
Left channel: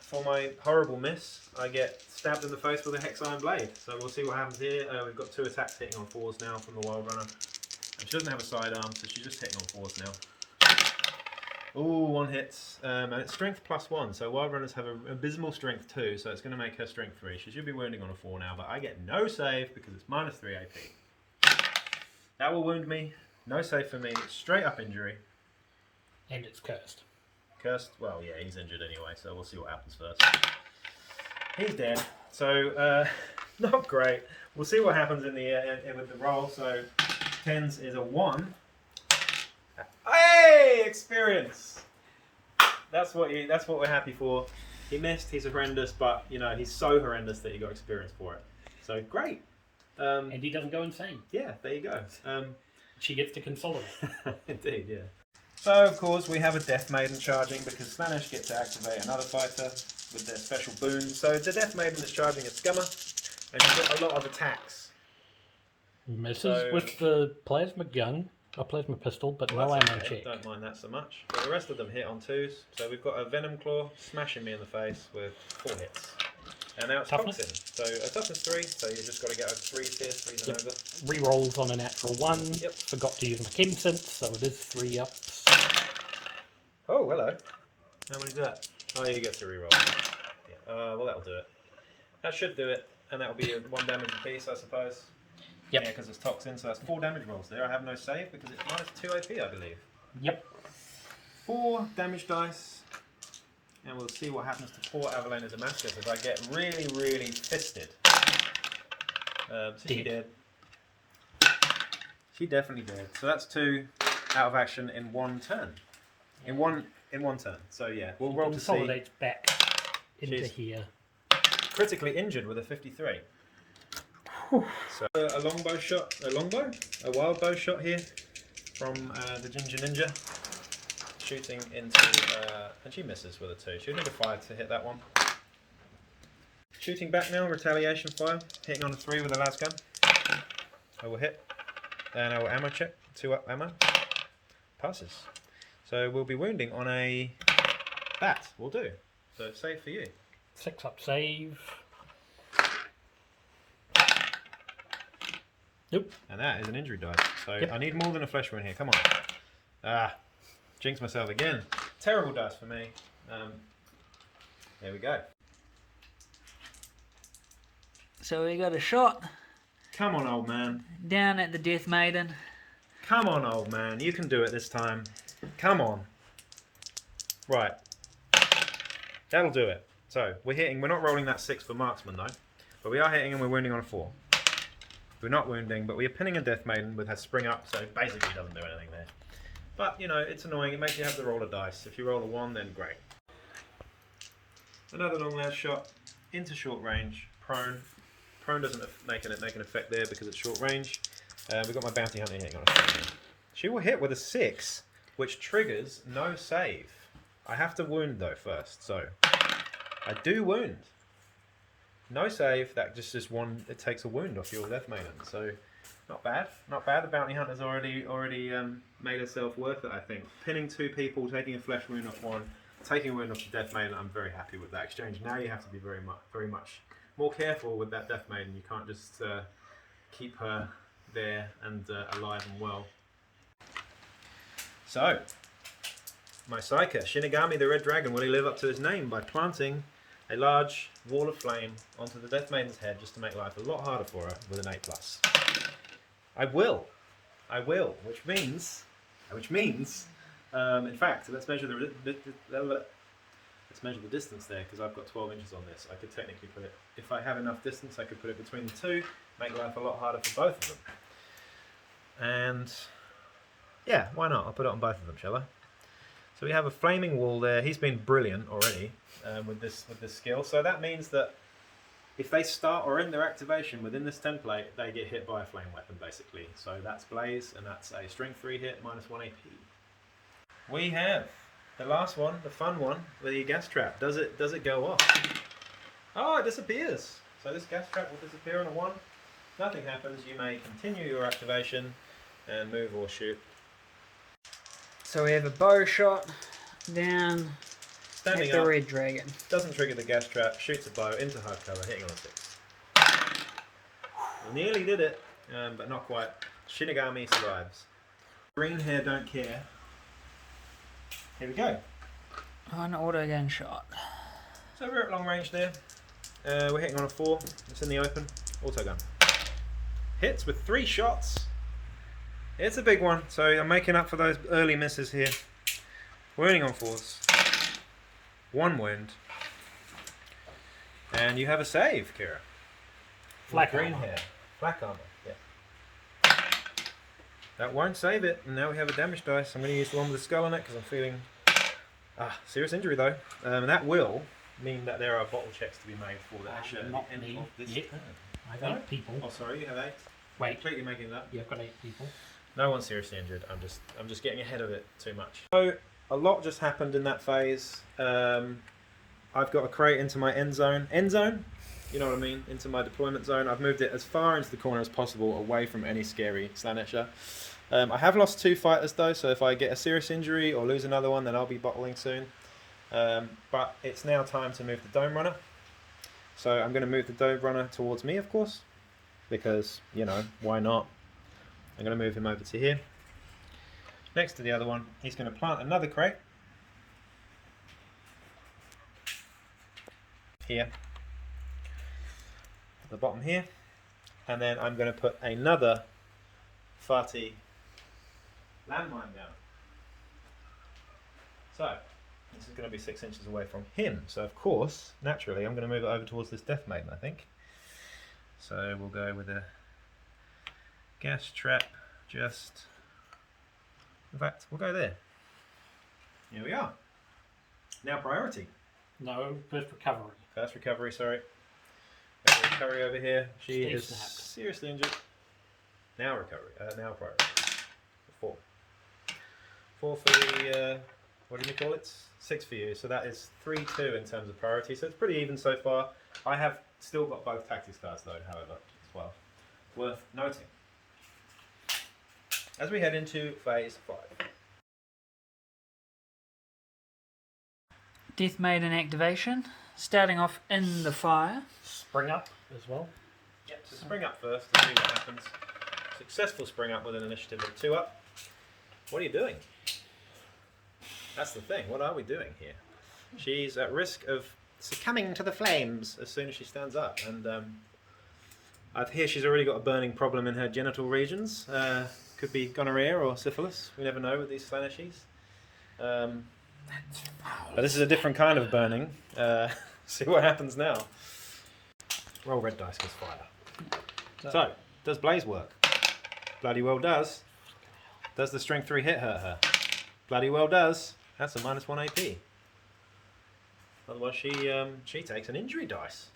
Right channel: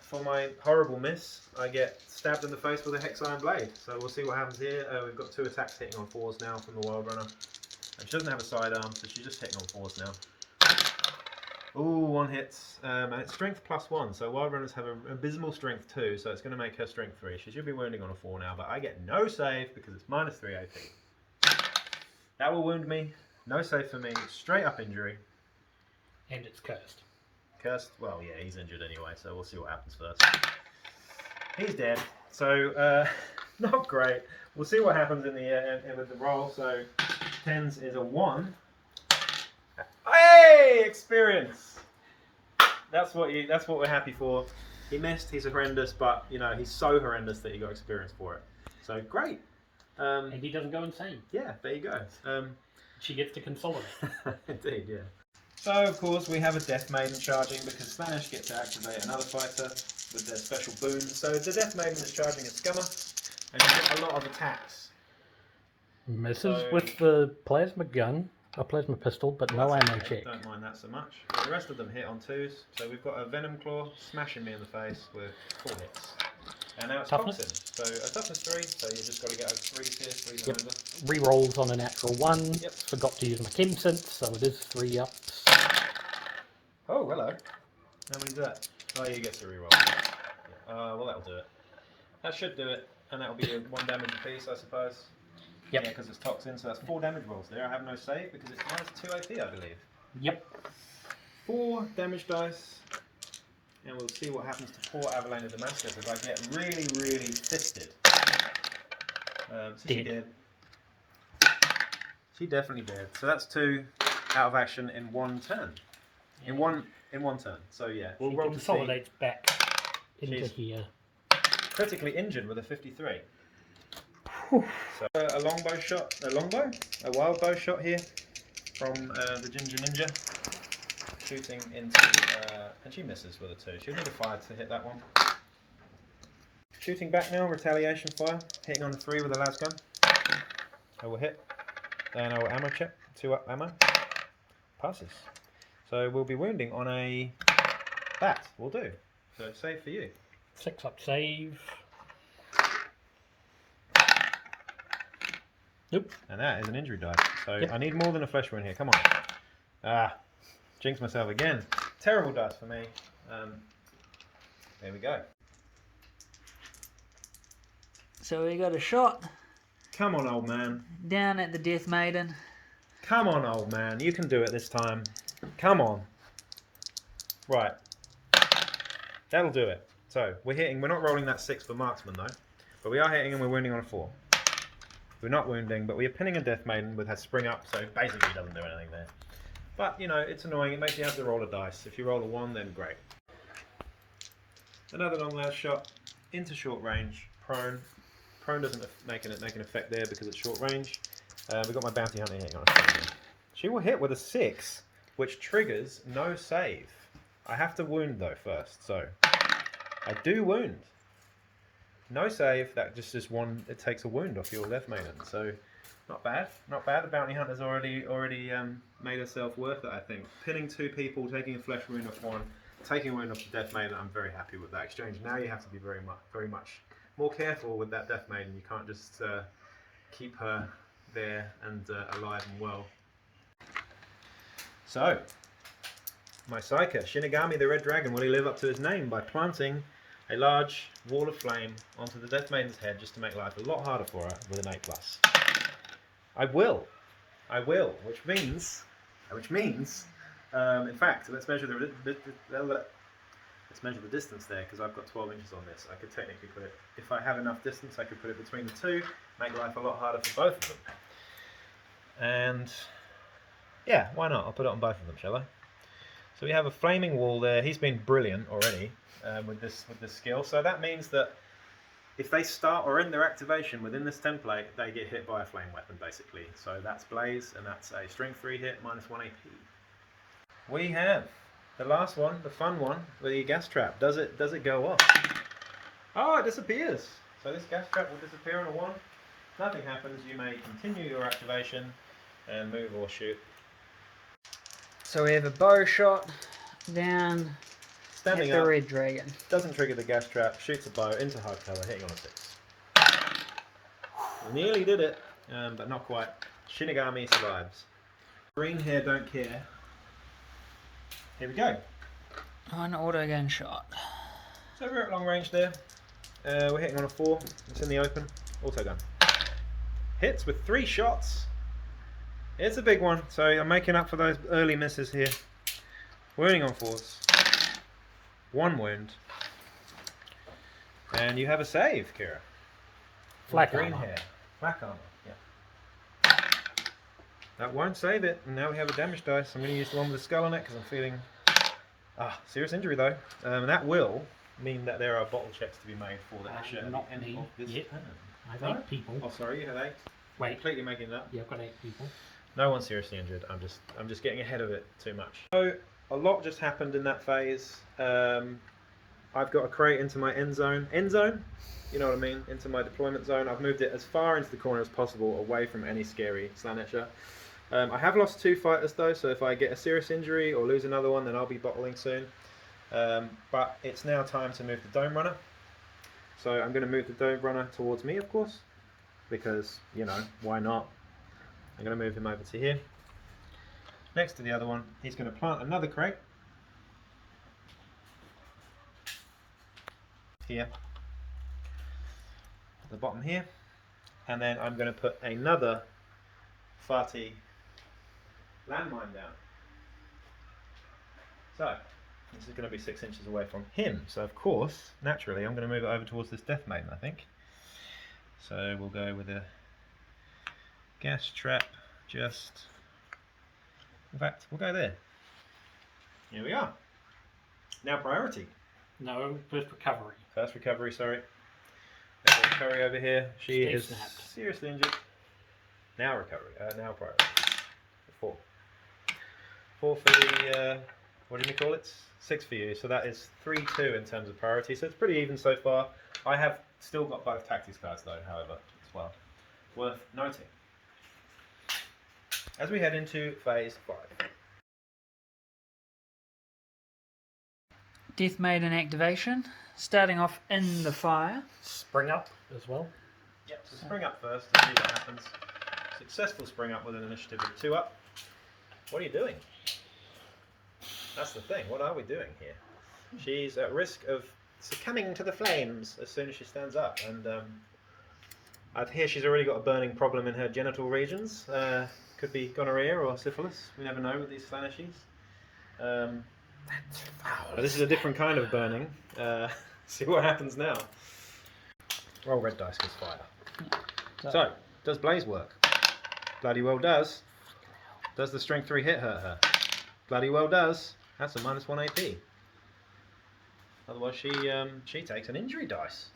for my horrible miss, I get stabbed in the face with a hex iron blade. So we'll see what happens here. We've got 2 attacks hitting on 4s now from the wild runner. And she doesn't have a sidearm, so she's just hitting on 4s now. Ooh, 1 hits, and it's strength +1, so wild runners have an abysmal strength 2, so it's going to make her strength 3. She should be wounding on a 4 now, but I get no save because it's -3 AP. That will wound me, no save for me, straight up injury. And it's cursed. Cursed? Well, yeah, he's injured anyway, so we'll see what happens first. He's dead, so not great. We'll see what happens in the with the roll. So 10s is a 1. Hey, experience. That's what we're happy for. He missed. He's horrendous, but you know he's so horrendous that he got experience for it. So great. And he doesn't go insane. Yeah, there you go. She gets to consolidate. Indeed, yeah. So of course we have a Death Maiden charging because Slaanesh gets to activate another fighter with their special boon. So the Death Maiden is charging a Scummer, and you get a lot of attacks. Misses with the plasma gun. A plasma pistol, but no ammo check. Don't mind that so much. But the rest of them hit on 2s. So we've got a Venom Claw smashing me in the face with 4 hits. And now it's Toughness? Toxin. So a toughness 3, so you just got to get over 3s here, 3s and over. Rerolls on a natural 1. Yep. Forgot to use my chem synth, so it is 3 ups. Oh, hello. How many is that? Oh, you get to reroll. Yeah. Well, that'll do it. That should do it. And that'll be a 1 damage apiece, I suppose. Yep. Yeah, because it's toxin, so that's 4 damage rolls there. I have no save because it's -2 AP, I believe. Yep. 4 damage dice. And we'll see what happens to poor Avalena Damascus as I get really, really fisted. So she dead. She definitely dead. So that's 2 out of action in 1 turn. In one turn. So yeah, we'll roll to see. Consolidates back into She's here. Critically injured with a 53. So a longbow shot, a wild bow shot here from the Ginger Ninja, shooting into, and she misses with a 2. She'll need a 5 to hit that one. Shooting back now, retaliation fire, hitting on a 3 with a las gun. I will hit, then I will ammo check, 2 up ammo, passes. So we'll be wounding on a bat, will do. So save for you. 6 up save. Nope. And that is an injury dice. So Yep. I need more than a flesh wound here. Come on. Ah, jinx myself again. Terrible dice for me. Here we go. So we got a shot Come on, old man. down at the Death Maiden. Come on, old man. You can do it this time. Come on. Right. That'll do it. So we're hitting. We're not rolling that 6 for marksman though, but we are hitting and we're wounding on a 4. We're not wounding, but we are pinning a Death Maiden with her spring up, so basically doesn't do anything there. But, you know, it's annoying. It makes you have to roll a dice. If you roll a 1, then great. Another long last shot into short range. Prone. Prone doesn't make an effect there because it's short range. We've got my bounty hunter hitting on a 3. She will hit with a 6, which triggers no save. I have to wound though first, so I do wound. No save, that just is one, it takes a wound off your Death Maiden, so not bad, not bad. The Bounty Hunter's already made herself worth it, I think. Pinning 2 people, taking a flesh wound off one, taking a wound off the Death Maiden, I'm very happy with that exchange. Now you have to be very much more careful with that Death Maiden. You can't just keep her there and alive and well. So, my Psyker, Shinigami the Red Dragon, will he live up to his name by planting a large wall of flame onto the Death Maiden's head just to make life a lot harder for her with an 8+. I will, which means, in fact, let's measure the distance there, because I've got 12 inches on this. I could technically put it, if I have enough distance, I could put it between the two, make life a lot harder for both of them. And yeah, why not? I'll put it on both of them, shall I? So we have a flaming wall there. He's been brilliant already with this skill. So that means that if they start or end their activation within this template, they get hit by a flame weapon, basically. So that's Blaze, and that's a strength 3 hit, -1 AP. We have the last one, the fun one, the gas trap. Does it go off? Oh, it disappears. So this gas trap will disappear on a 1. Nothing happens. You may continue your activation and move or shoot. So we have a bow shot down Standing at the up, red dragon. doesn't trigger the gas trap, shoots a bow into hard cover, hitting on a 6. Nearly did it, but not quite. Shinigami survives. Green hair don't care. Here we go. An auto gun shot. So we're at long range there. We're hitting on a 4. It's in the open. Auto gun. Hits with 3 shots. It's a big one, so I'm making up for those early misses here. Wounding on 4s. 1 wound. And you have a save, Kira. Flak green armor. hair. Flak armor, yeah. That won't save it, and now we have a damage dice. I'm going to use the one with the skull on it because I'm feeling serious injury though. And that will mean that there are bottle checks to be made for the Escher. Not me. Yet. I've 8 people. Oh, sorry, you have 8. Wait. Completely making it up. Yeah, I've got 8 people. No one's seriously injured. I'm just getting ahead of it too much. So a lot just happened in that phase. I've got a crate into my end zone. End zone? You know what I mean? Into my deployment zone. I've moved it as far into the corner as possible, away from any scary Slaanesher. I have lost 2 fighters though, so if I get a serious injury or lose another one, then I'll be bottling soon. But it's now time to move the Dome Runner. So I'm going to move the Dome Runner towards me, of course, because, you know, why not? I'm going to move him over to here. Next to the other one, he's going to plant another crate. Here. At the bottom here. And then I'm going to put another farty landmine down. So, this is going to be 6 inches away from him. So of course, naturally, I'm going to move it over towards this Death Maiden, I think. So we'll go with a gas trap, just... In fact, we'll go there. Here we are. Now priority. No, first recovery. First recovery, sorry. Now recovery over here. She Steve is snapped. seriously injured. Now recovery. Now priority. 4. 4 for the, what do you call it? 6 for you. So that is 3-2 in terms of priority. So it's pretty even so far. I have still got both tactics cards though, however, as well. Worth noting. As we head into phase 5. Death Maiden activation. Starting off in the fire. Spring up as well. Yep, so spring up first and see what happens. Successful spring up with an initiative of 2 up. What are you doing? That's the thing, what are we doing here? She's at risk of succumbing to the flames as soon as she stands up, and I hear she's already got a burning problem in her genital regions. Could be gonorrhea or syphilis, we never know with these Slaaneshies. This is a different kind of burning. See what happens now. Roll red dice because fire. So, does Blaze work? Bloody well does. Does the strength 3 hit hurt her? Bloody well does. That's a -1 AP. Otherwise she takes an injury dice.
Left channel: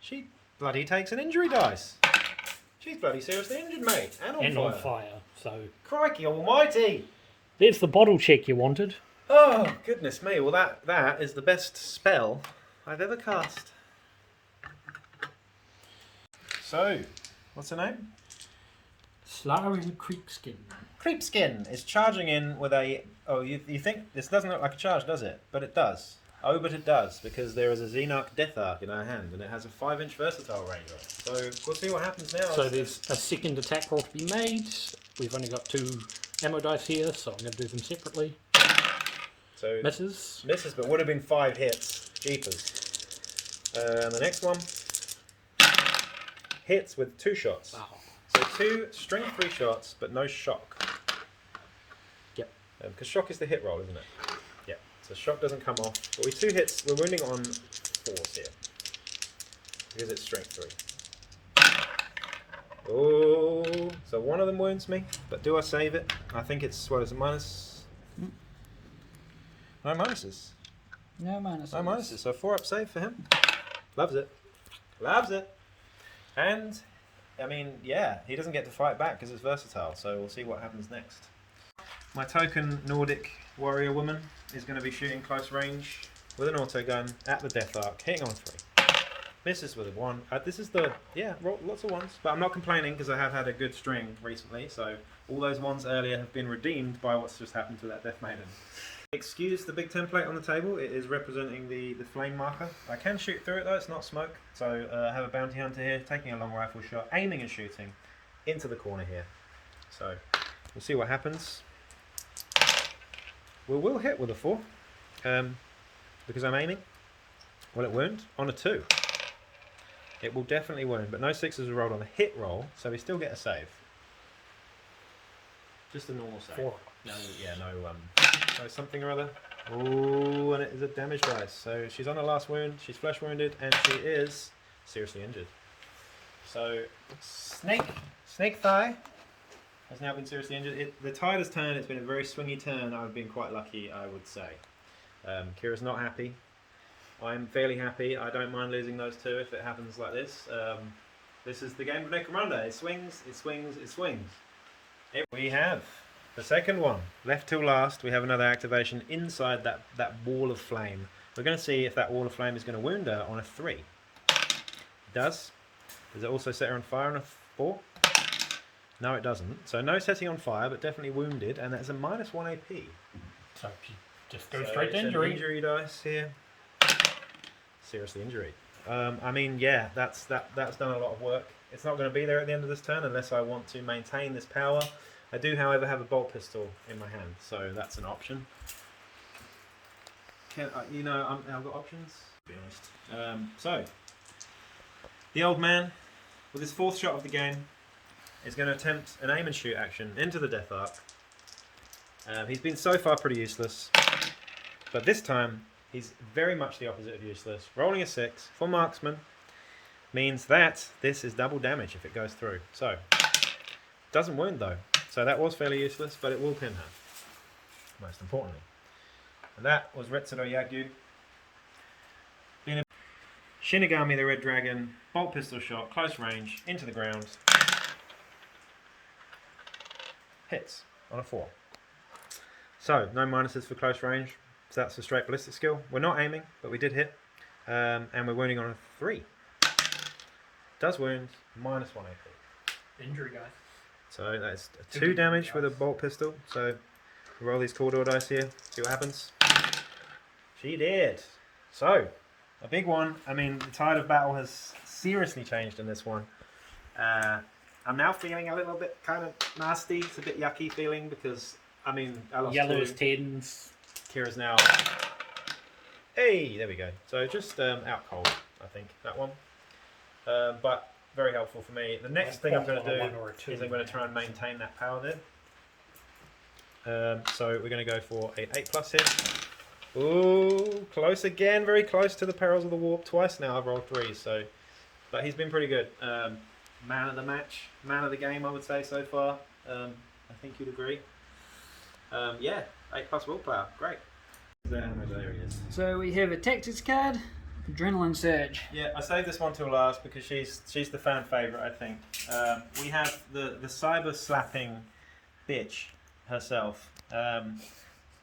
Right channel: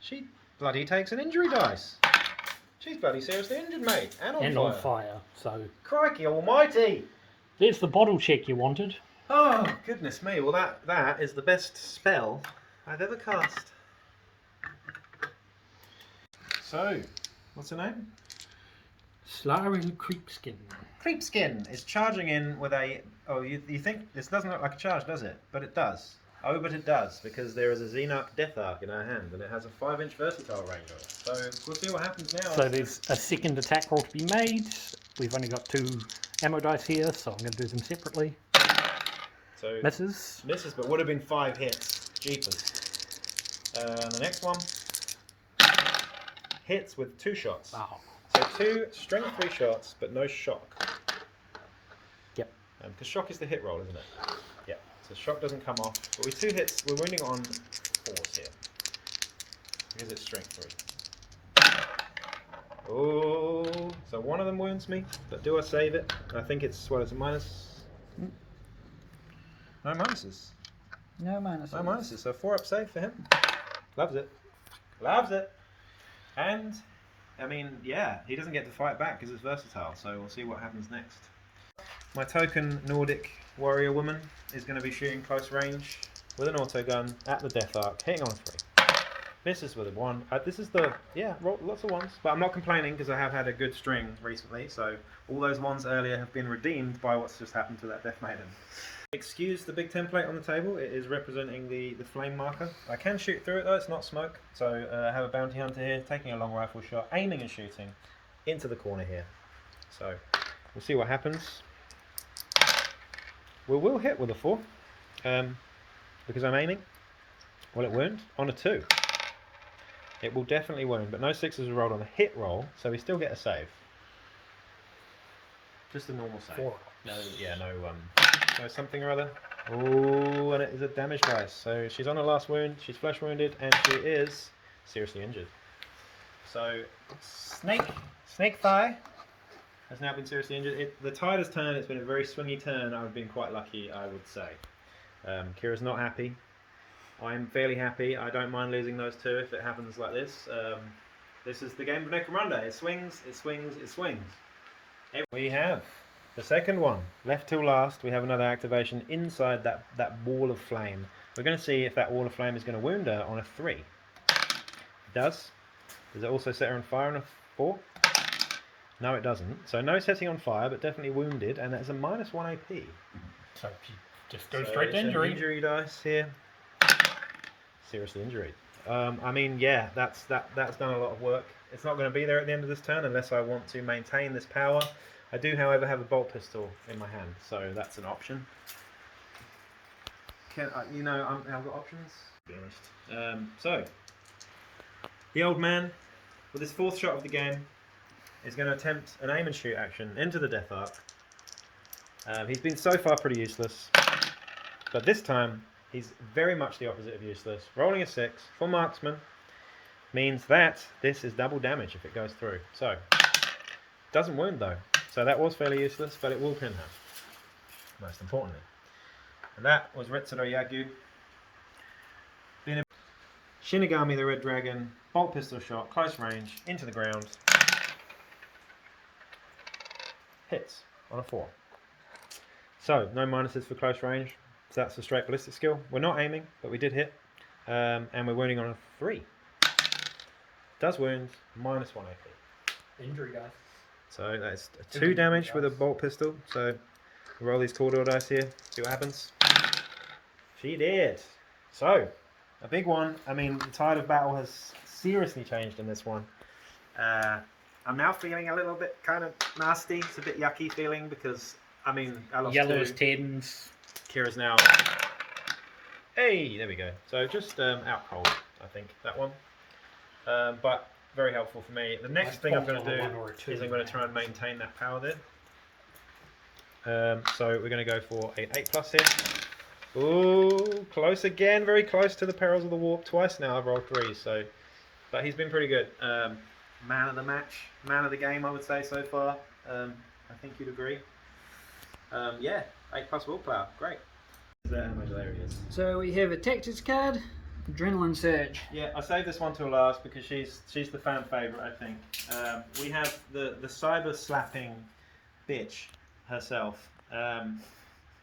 She bloody takes an injury dice. She's bloody seriously injured, mate. And on fire. On fire, so... Crikey almighty! There's the bottle check you wanted. Oh, goodness me. Well, that is the best spell I've ever cast. So, what's her name? Slaanesh Creepskin. Creepskin is charging in with a... Oh, you think... This doesn't look like a charge, does it? But it does. Oh, but it does, because there is a Xenarch Death Arc in her hand, and it has a 5-inch versatile range on it. So, we'll see what happens now. So there's a second attack roll to be made. We've only got 2 ammo dice here, so I'm going to do them separately. So Misses. Misses, but would have been 5 hits. Jeepers. The next one hits with 2 shots. Oh. So 2 strength 3 shots, but no shock. Yep. Because shock is the hit roll, isn't it? Yeah. So shock doesn't come off. But with 2 hits, we're wounding on 4s here. Because it's strength 3. Oh, so one of them wounds me, but do I save it? I think it's, what is it, minus? No minuses. No minuses. No minuses, so 4 up save for him. Loves it. Loves it. And, I mean, yeah, he doesn't get to fight back because it's versatile, so we'll see what happens next. My token Nordic warrior woman is going to be shooting close range with an auto gun at the Death Arc, hitting on 3. Misses with a 1. This is the, lots of 1s, but I'm not complaining because I have had a good string recently, so all those 1s earlier have been redeemed by what's just happened to that Death Maiden. Excuse the big template on the table, it is representing the flame marker. I can shoot through it though, it's not smoke. So I have a bounty hunter here, taking a long rifle shot, aiming and shooting into the corner here. So we'll see what happens. We will hit with a 4, because I'm aiming. Will it wound? On a 2. It will definitely wound, but no 6s are rolled on the hit roll, so we still get a save. Just a normal save. 4. No, no something or other. Oh, and it is a damage dice. So she's on her last wound, she's flesh wounded, and she is seriously injured. So, Snake Thigh has now been seriously injured. The tide has turned, it's been a very swingy turn. I've been quite lucky, I would say. Kira's not happy. I'm fairly happy. I don't mind losing those 2 if it happens like this. This is the game of Necromunda. It swings, it swings, it swings. We have the second one. Left till last, we have another activation inside that wall of flame. We're going to see if that wall of flame is going to wound her on a 3. It does. Does it also set her on fire on a 4? No, it doesn't. So no setting on fire, but definitely wounded, and that's a -1 AP. So she just goes straight to injury. Injury dice here. Seriously injured. I mean, yeah, that's done a lot of work. It's not going to be there at the end of this turn unless I want to maintain this power. I do, however, have a bolt pistol in my hand, so that's an option. I've got options. To be honest. So the old man, with his 4th shot of the game, is going to attempt an aim and shoot action into the Death Arc. He's been so far pretty useless, but this time he's very much the opposite of useless. Rolling a 6 for marksman means that this is double damage if it goes through. So, doesn't wound though. So that was fairly useless, but it will pin her. Most importantly. And that was Retsuro Yagyu. Shinigami the Red Dragon, bolt pistol shot, close range, into the ground. Hits on a 4. So, no minuses for close range. So that's a straight ballistic skill. We're not aiming, but we did hit. And we're wounding on a 3. Does wound, -1 AP. Injury, guys. So that's 2 damage with a bolt pistol. So we'll roll these Tordor dice here, see what happens. She did. So, a big one. I mean, the tide of battle has seriously changed in this one. I'm now feeling a little bit kind of nasty. It's a bit yucky feeling because, I mean, I lost Yellows, 2. 10s. Kira's now... Hey, there we go. So just out cold, I think, that one. But very helpful for me. The next thing I'm going to do is I'm going to try and maintain that power there. So we're going to go for an 8+ here. Ooh, close again. Very close to the perils of the warp. Twice now I've rolled 3. So, but he's been pretty good. Man of the match, man of the game, I would say so far. I think you'd agree. Yeah, 8+ willpower. Great. There he is. So we have a tactics card, Adrenaline Surge. Yeah, I saved this one till last because she's the fan favourite, I think. We have the cyber slapping bitch herself.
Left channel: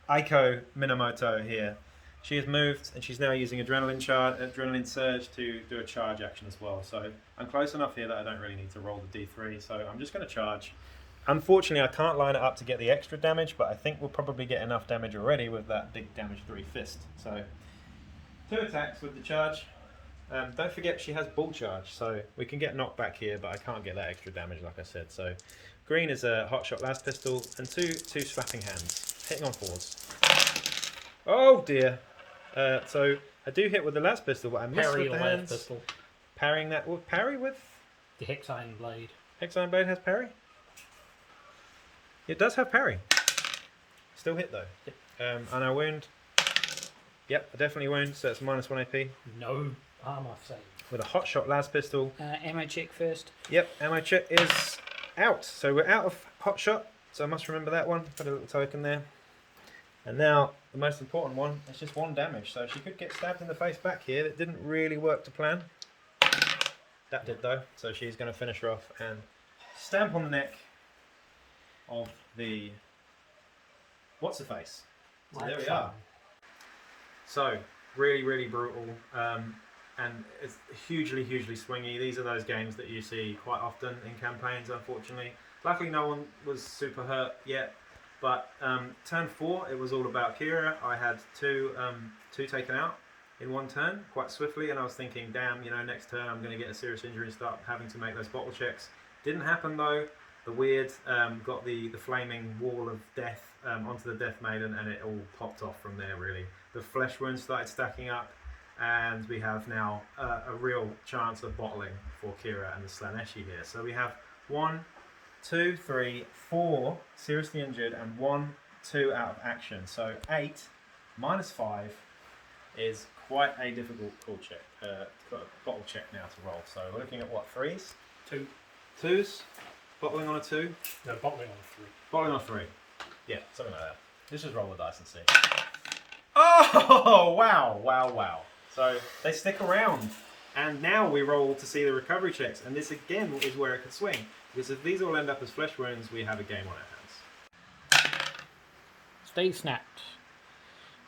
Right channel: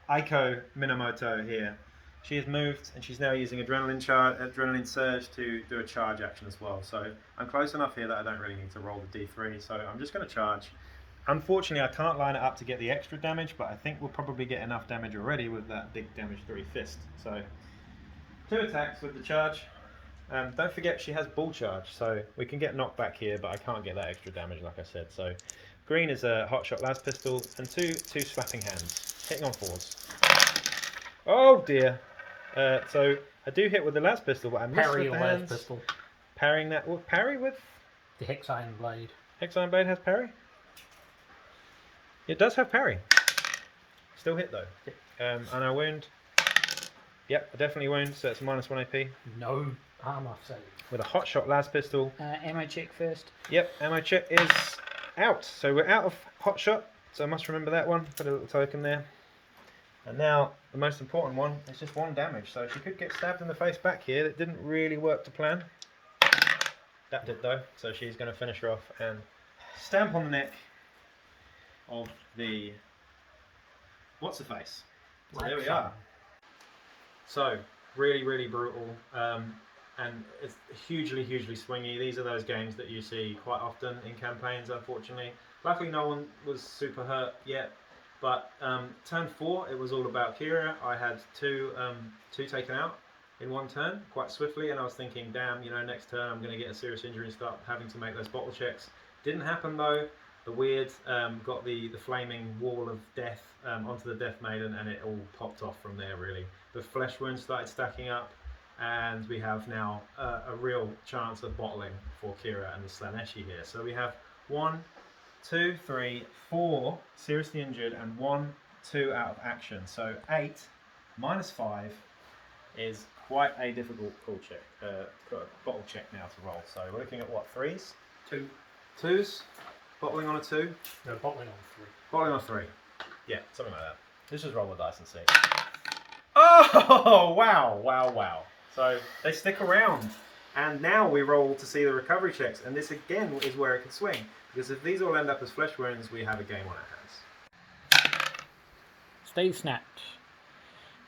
Aiko Minamoto here. She has moved and she's now using Adrenaline Surge to do a charge action as well. So I'm close enough here that I don't really need to roll the D3. So I'm just going to charge. Unfortunately, I can't line it up to get the extra damage, but I think we'll probably get enough damage already with that big damage 3 fist. So 2 attacks with the charge. Don't forget she has bull charge, so we can get knocked back here, but I can't get that extra damage like I said. So green is a hot shot las pistol and two slapping hands, hitting on 4s. Oh dear. So I do hit with the las pistol, but I miss Parry with the your hands. pistol. Parrying that. Well, parry with The Hex Iron Blade. Hex Iron Blade has parry. It does have parry. Still hit though. Yep. And I wound. Yep, I definitely wound. So it's -1 AP No armor save. with a hot shot las pistol. Ammo check first. Yep, ammo check is out. So we're out of hot shot. So I must remember that one. Put a little token there. And now the most important one is just 1 damage. So she could get stabbed in the face back here. That didn't really work to plan. That did though. So she's going to finish her off and stamp on the neck of the what's her face. So there we are. So really brutal. And it's hugely swingy. These are those games that you see quite often in campaigns, unfortunately. Luckily no one was super hurt yet, but turn 4 it was all about Kira. I had two taken out in 1 turn quite swiftly, and I was thinking, damn, you know, next turn I'm going to get a serious injury and start having to make those bottle checks. Didn't happen though. The weird got the flaming wall of death onto the Death Maiden, and it all popped off from there really. The flesh wounds started stacking up, and we have now a real chance of bottling for Kira and the Slaaneshi here. So we have 1, 2, 3, 4 seriously injured and 1, 2 out of action. So 8 minus 5 is quite a difficult bottle check now to roll. So we're looking at what, 3s? 2. 2s? Bottling on a 2? No, bottling on 3. Bottling on 3. Yeah, something like that. Let's just roll the dice and see. Oh, wow. So they stick around. And now we roll to see the recovery checks. And this again is where it could swing. Because if these all end up as flesh wounds, we have a game on our hands. Stay snapped.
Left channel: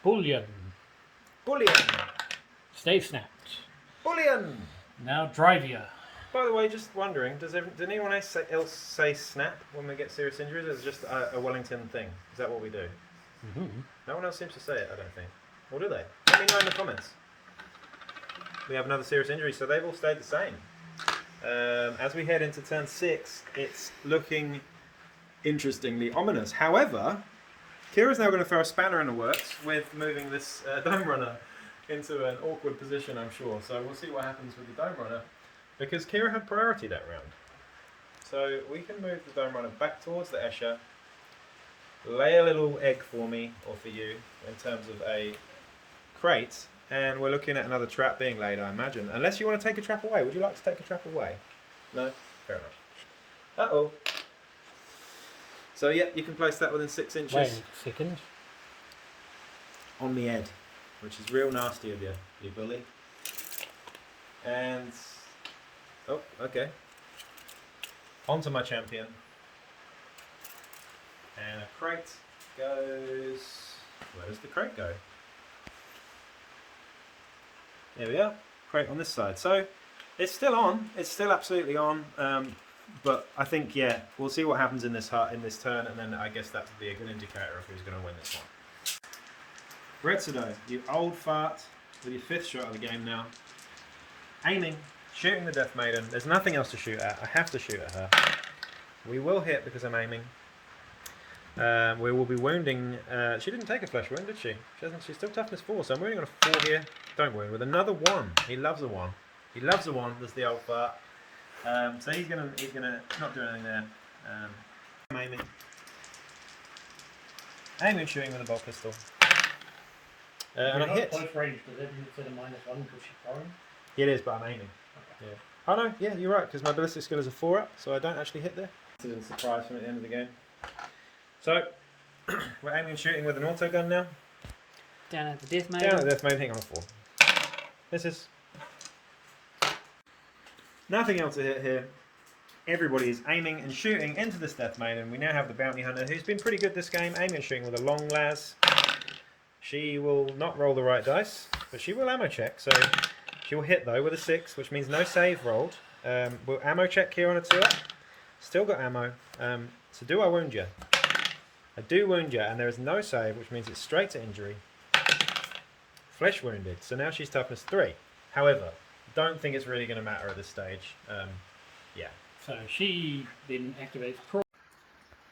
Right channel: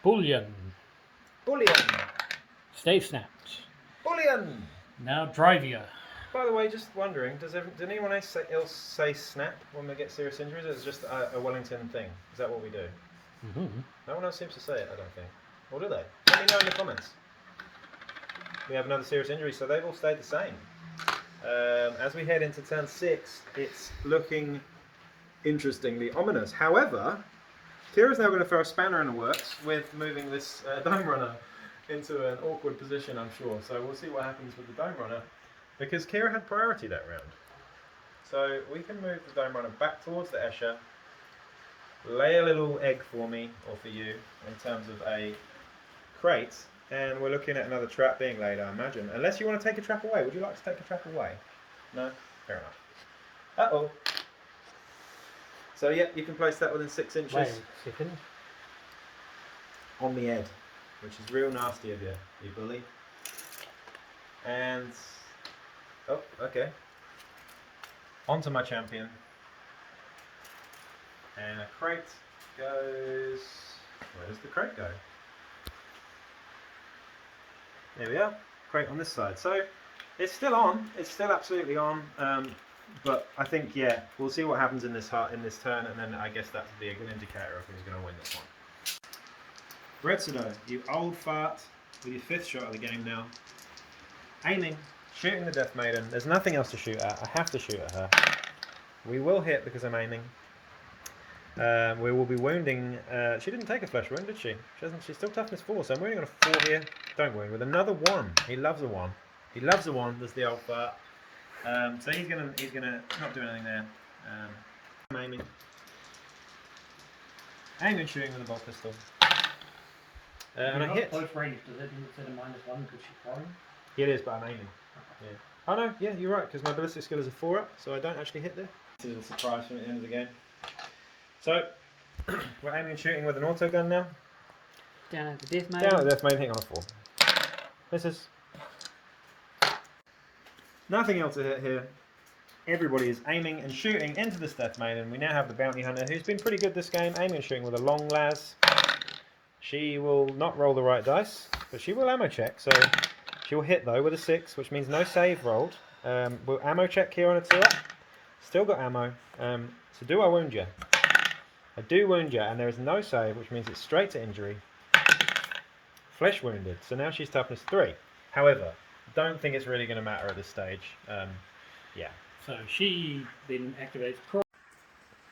Bullion. Bullion! Stay snapped. Bullion! Now Drivia. By the way, just wondering, did anyone else say snap when we get serious injuries? Or is it just a Wellington thing? Is that what we do? Mm-hmm. No one else seems to say it, I don't think. Or do they? Let me know in the comments. We have another serious injury, so they've all stayed the same. As we head into turn 6, it's looking interestingly ominous. However, Kira's now going to throw a spanner in the works with moving this Dome Runner into an awkward position, I'm sure. So we'll see what happens with the Dome Runner, because Kira had priority that round. So we can move the Dome Runner back towards the Escher, lay a little egg for me, or for you, in terms of a crate, and we're looking at another trap being laid, I imagine. Unless you want to take a trap away. Would you like to take a trap away? No? Fair enough. Uh-oh. So, yeah, you can place that within 6 inches. Wait a second. On the head, which is real nasty of you, you bully. And... oh, okay. Onto my champion. And a crate goes... where does the crate go? There we are. Crate on this side. So it's still on. It's still absolutely on. But I think, yeah, we'll see what happens in this turn, and then I guess that would be a good indicator of who's going to win this one. Retsudo, you old fart, with your 5th shot of the game now. Aiming, shooting the Death Maiden. There's nothing else to shoot at. I have to shoot at her. We will hit because I'm aiming. We will be wounding. She didn't take a flesh wound, did she? She's still toughness 4, so I'm wounding on a 4 here. Don't wound with another 1. He loves a 1. He loves a 1. Was the old fart. So he's gonna not do anything there. I'm aiming. Aiming, shooting with a bolt pistol. And I hit. Close range, does that mean it's at a -1 because she's throwing? Yeah, it is, but I'm aiming. Okay. Yeah. Oh no, yeah, you're right, because my ballistic skill is a 4 up, so I don't actually hit there. It's a little surprise from at the end of the game. So, we're aiming and shooting with an auto gun now. Down at the Death Maiden. Down at the Death Maiden, hang on a 4. This is... nothing else to hit here. everybody is aiming and shooting into this Death Maiden. We now have the Bounty Hunter, who's been pretty good this game, aiming and shooting with a long las. She will not roll the right dice, but she will ammo check. So she will hit though with a 6, which means no save rolled. We'll ammo check here on a 2 up. Still got ammo. So do I wound you? I do wound you, and there is no save, which means it's straight to injury. Flesh wounded. So now she's toughness 3. However, don't think it's really going to matter at this stage. Yeah. So she then activates.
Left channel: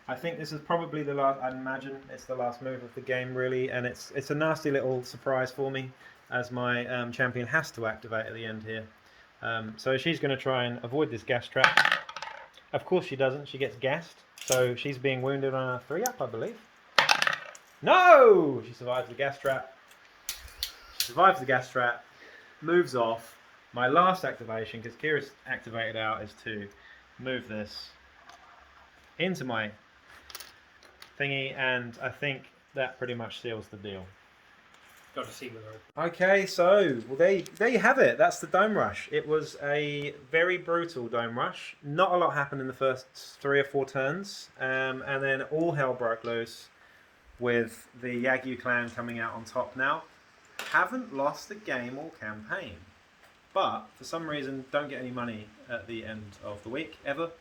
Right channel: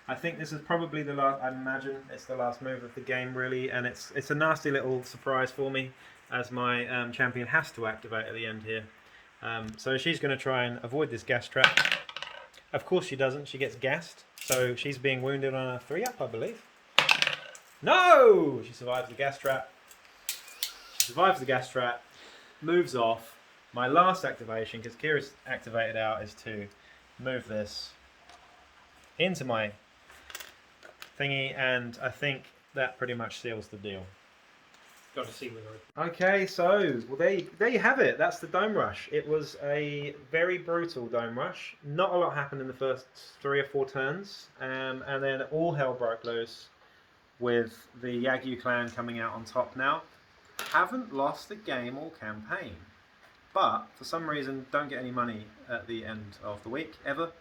I think this is probably the last. I imagine it's the last move of the game, really, and it's a nasty little surprise for me, as my champion has to activate at the end here. So she's going to try and avoid this gas trap. Of course she doesn't. She gets gassed, so she's being wounded on a 3 up, I believe. No, she survives the gas trap. She survives the gas trap. Moves off. My last activation, because Kira's activated out, is to move this into my thingy, and I think that pretty much seals the deal. Got to see whether. Okay, so well, there you have it. That's the Dome Rush. It was a very brutal Dome Rush. Not a lot happened in the first 3 or 4 turns, and then all hell broke loose with the Yagyu clan coming out on top now. Haven't lost a game or campaign, but for some reason don't get any money at the end of the week ever.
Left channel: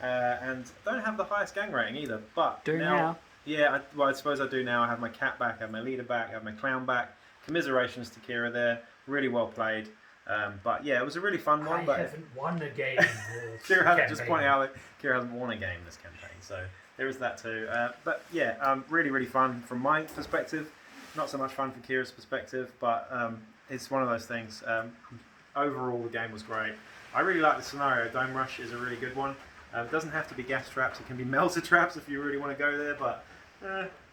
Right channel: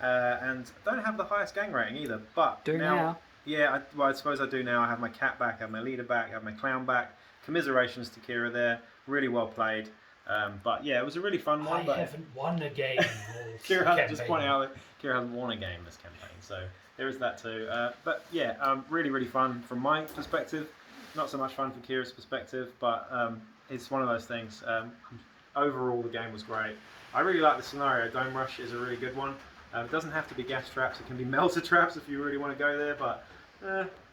And don't have the highest gang rating either, but now. Yeah, I suppose I do now. I have my cat back, I have my leader back, I have my clown back. Commiserations to Kira there. Really well played. But yeah, it was a really fun one. I but haven't won a game. Kira hasn't, just pointing out that Kira hasn't won a game this campaign, so there is that too. But yeah, really, really fun from my perspective. Not so much fun from Kira's perspective, but it's one of those things. Overall, the game was great. I really like the scenario. Dome Rush is a really good one. It doesn't have to be gas traps. It can be melter traps if you really want to go there. But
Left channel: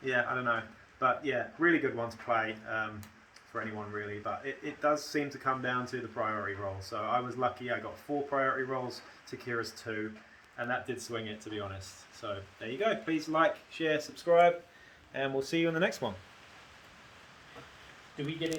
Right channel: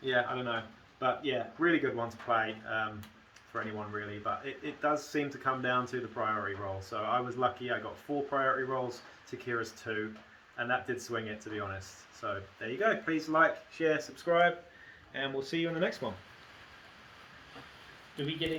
yeah, I don't know. But yeah, really good one to play for anyone really. But it does seem to come down to the priority roll. So I was lucky. I got 4 priority rolls to Kira's 2, and that did swing it, to be honest. So there you go. Please like, share, subscribe, and we'll see you in the next one. Do we get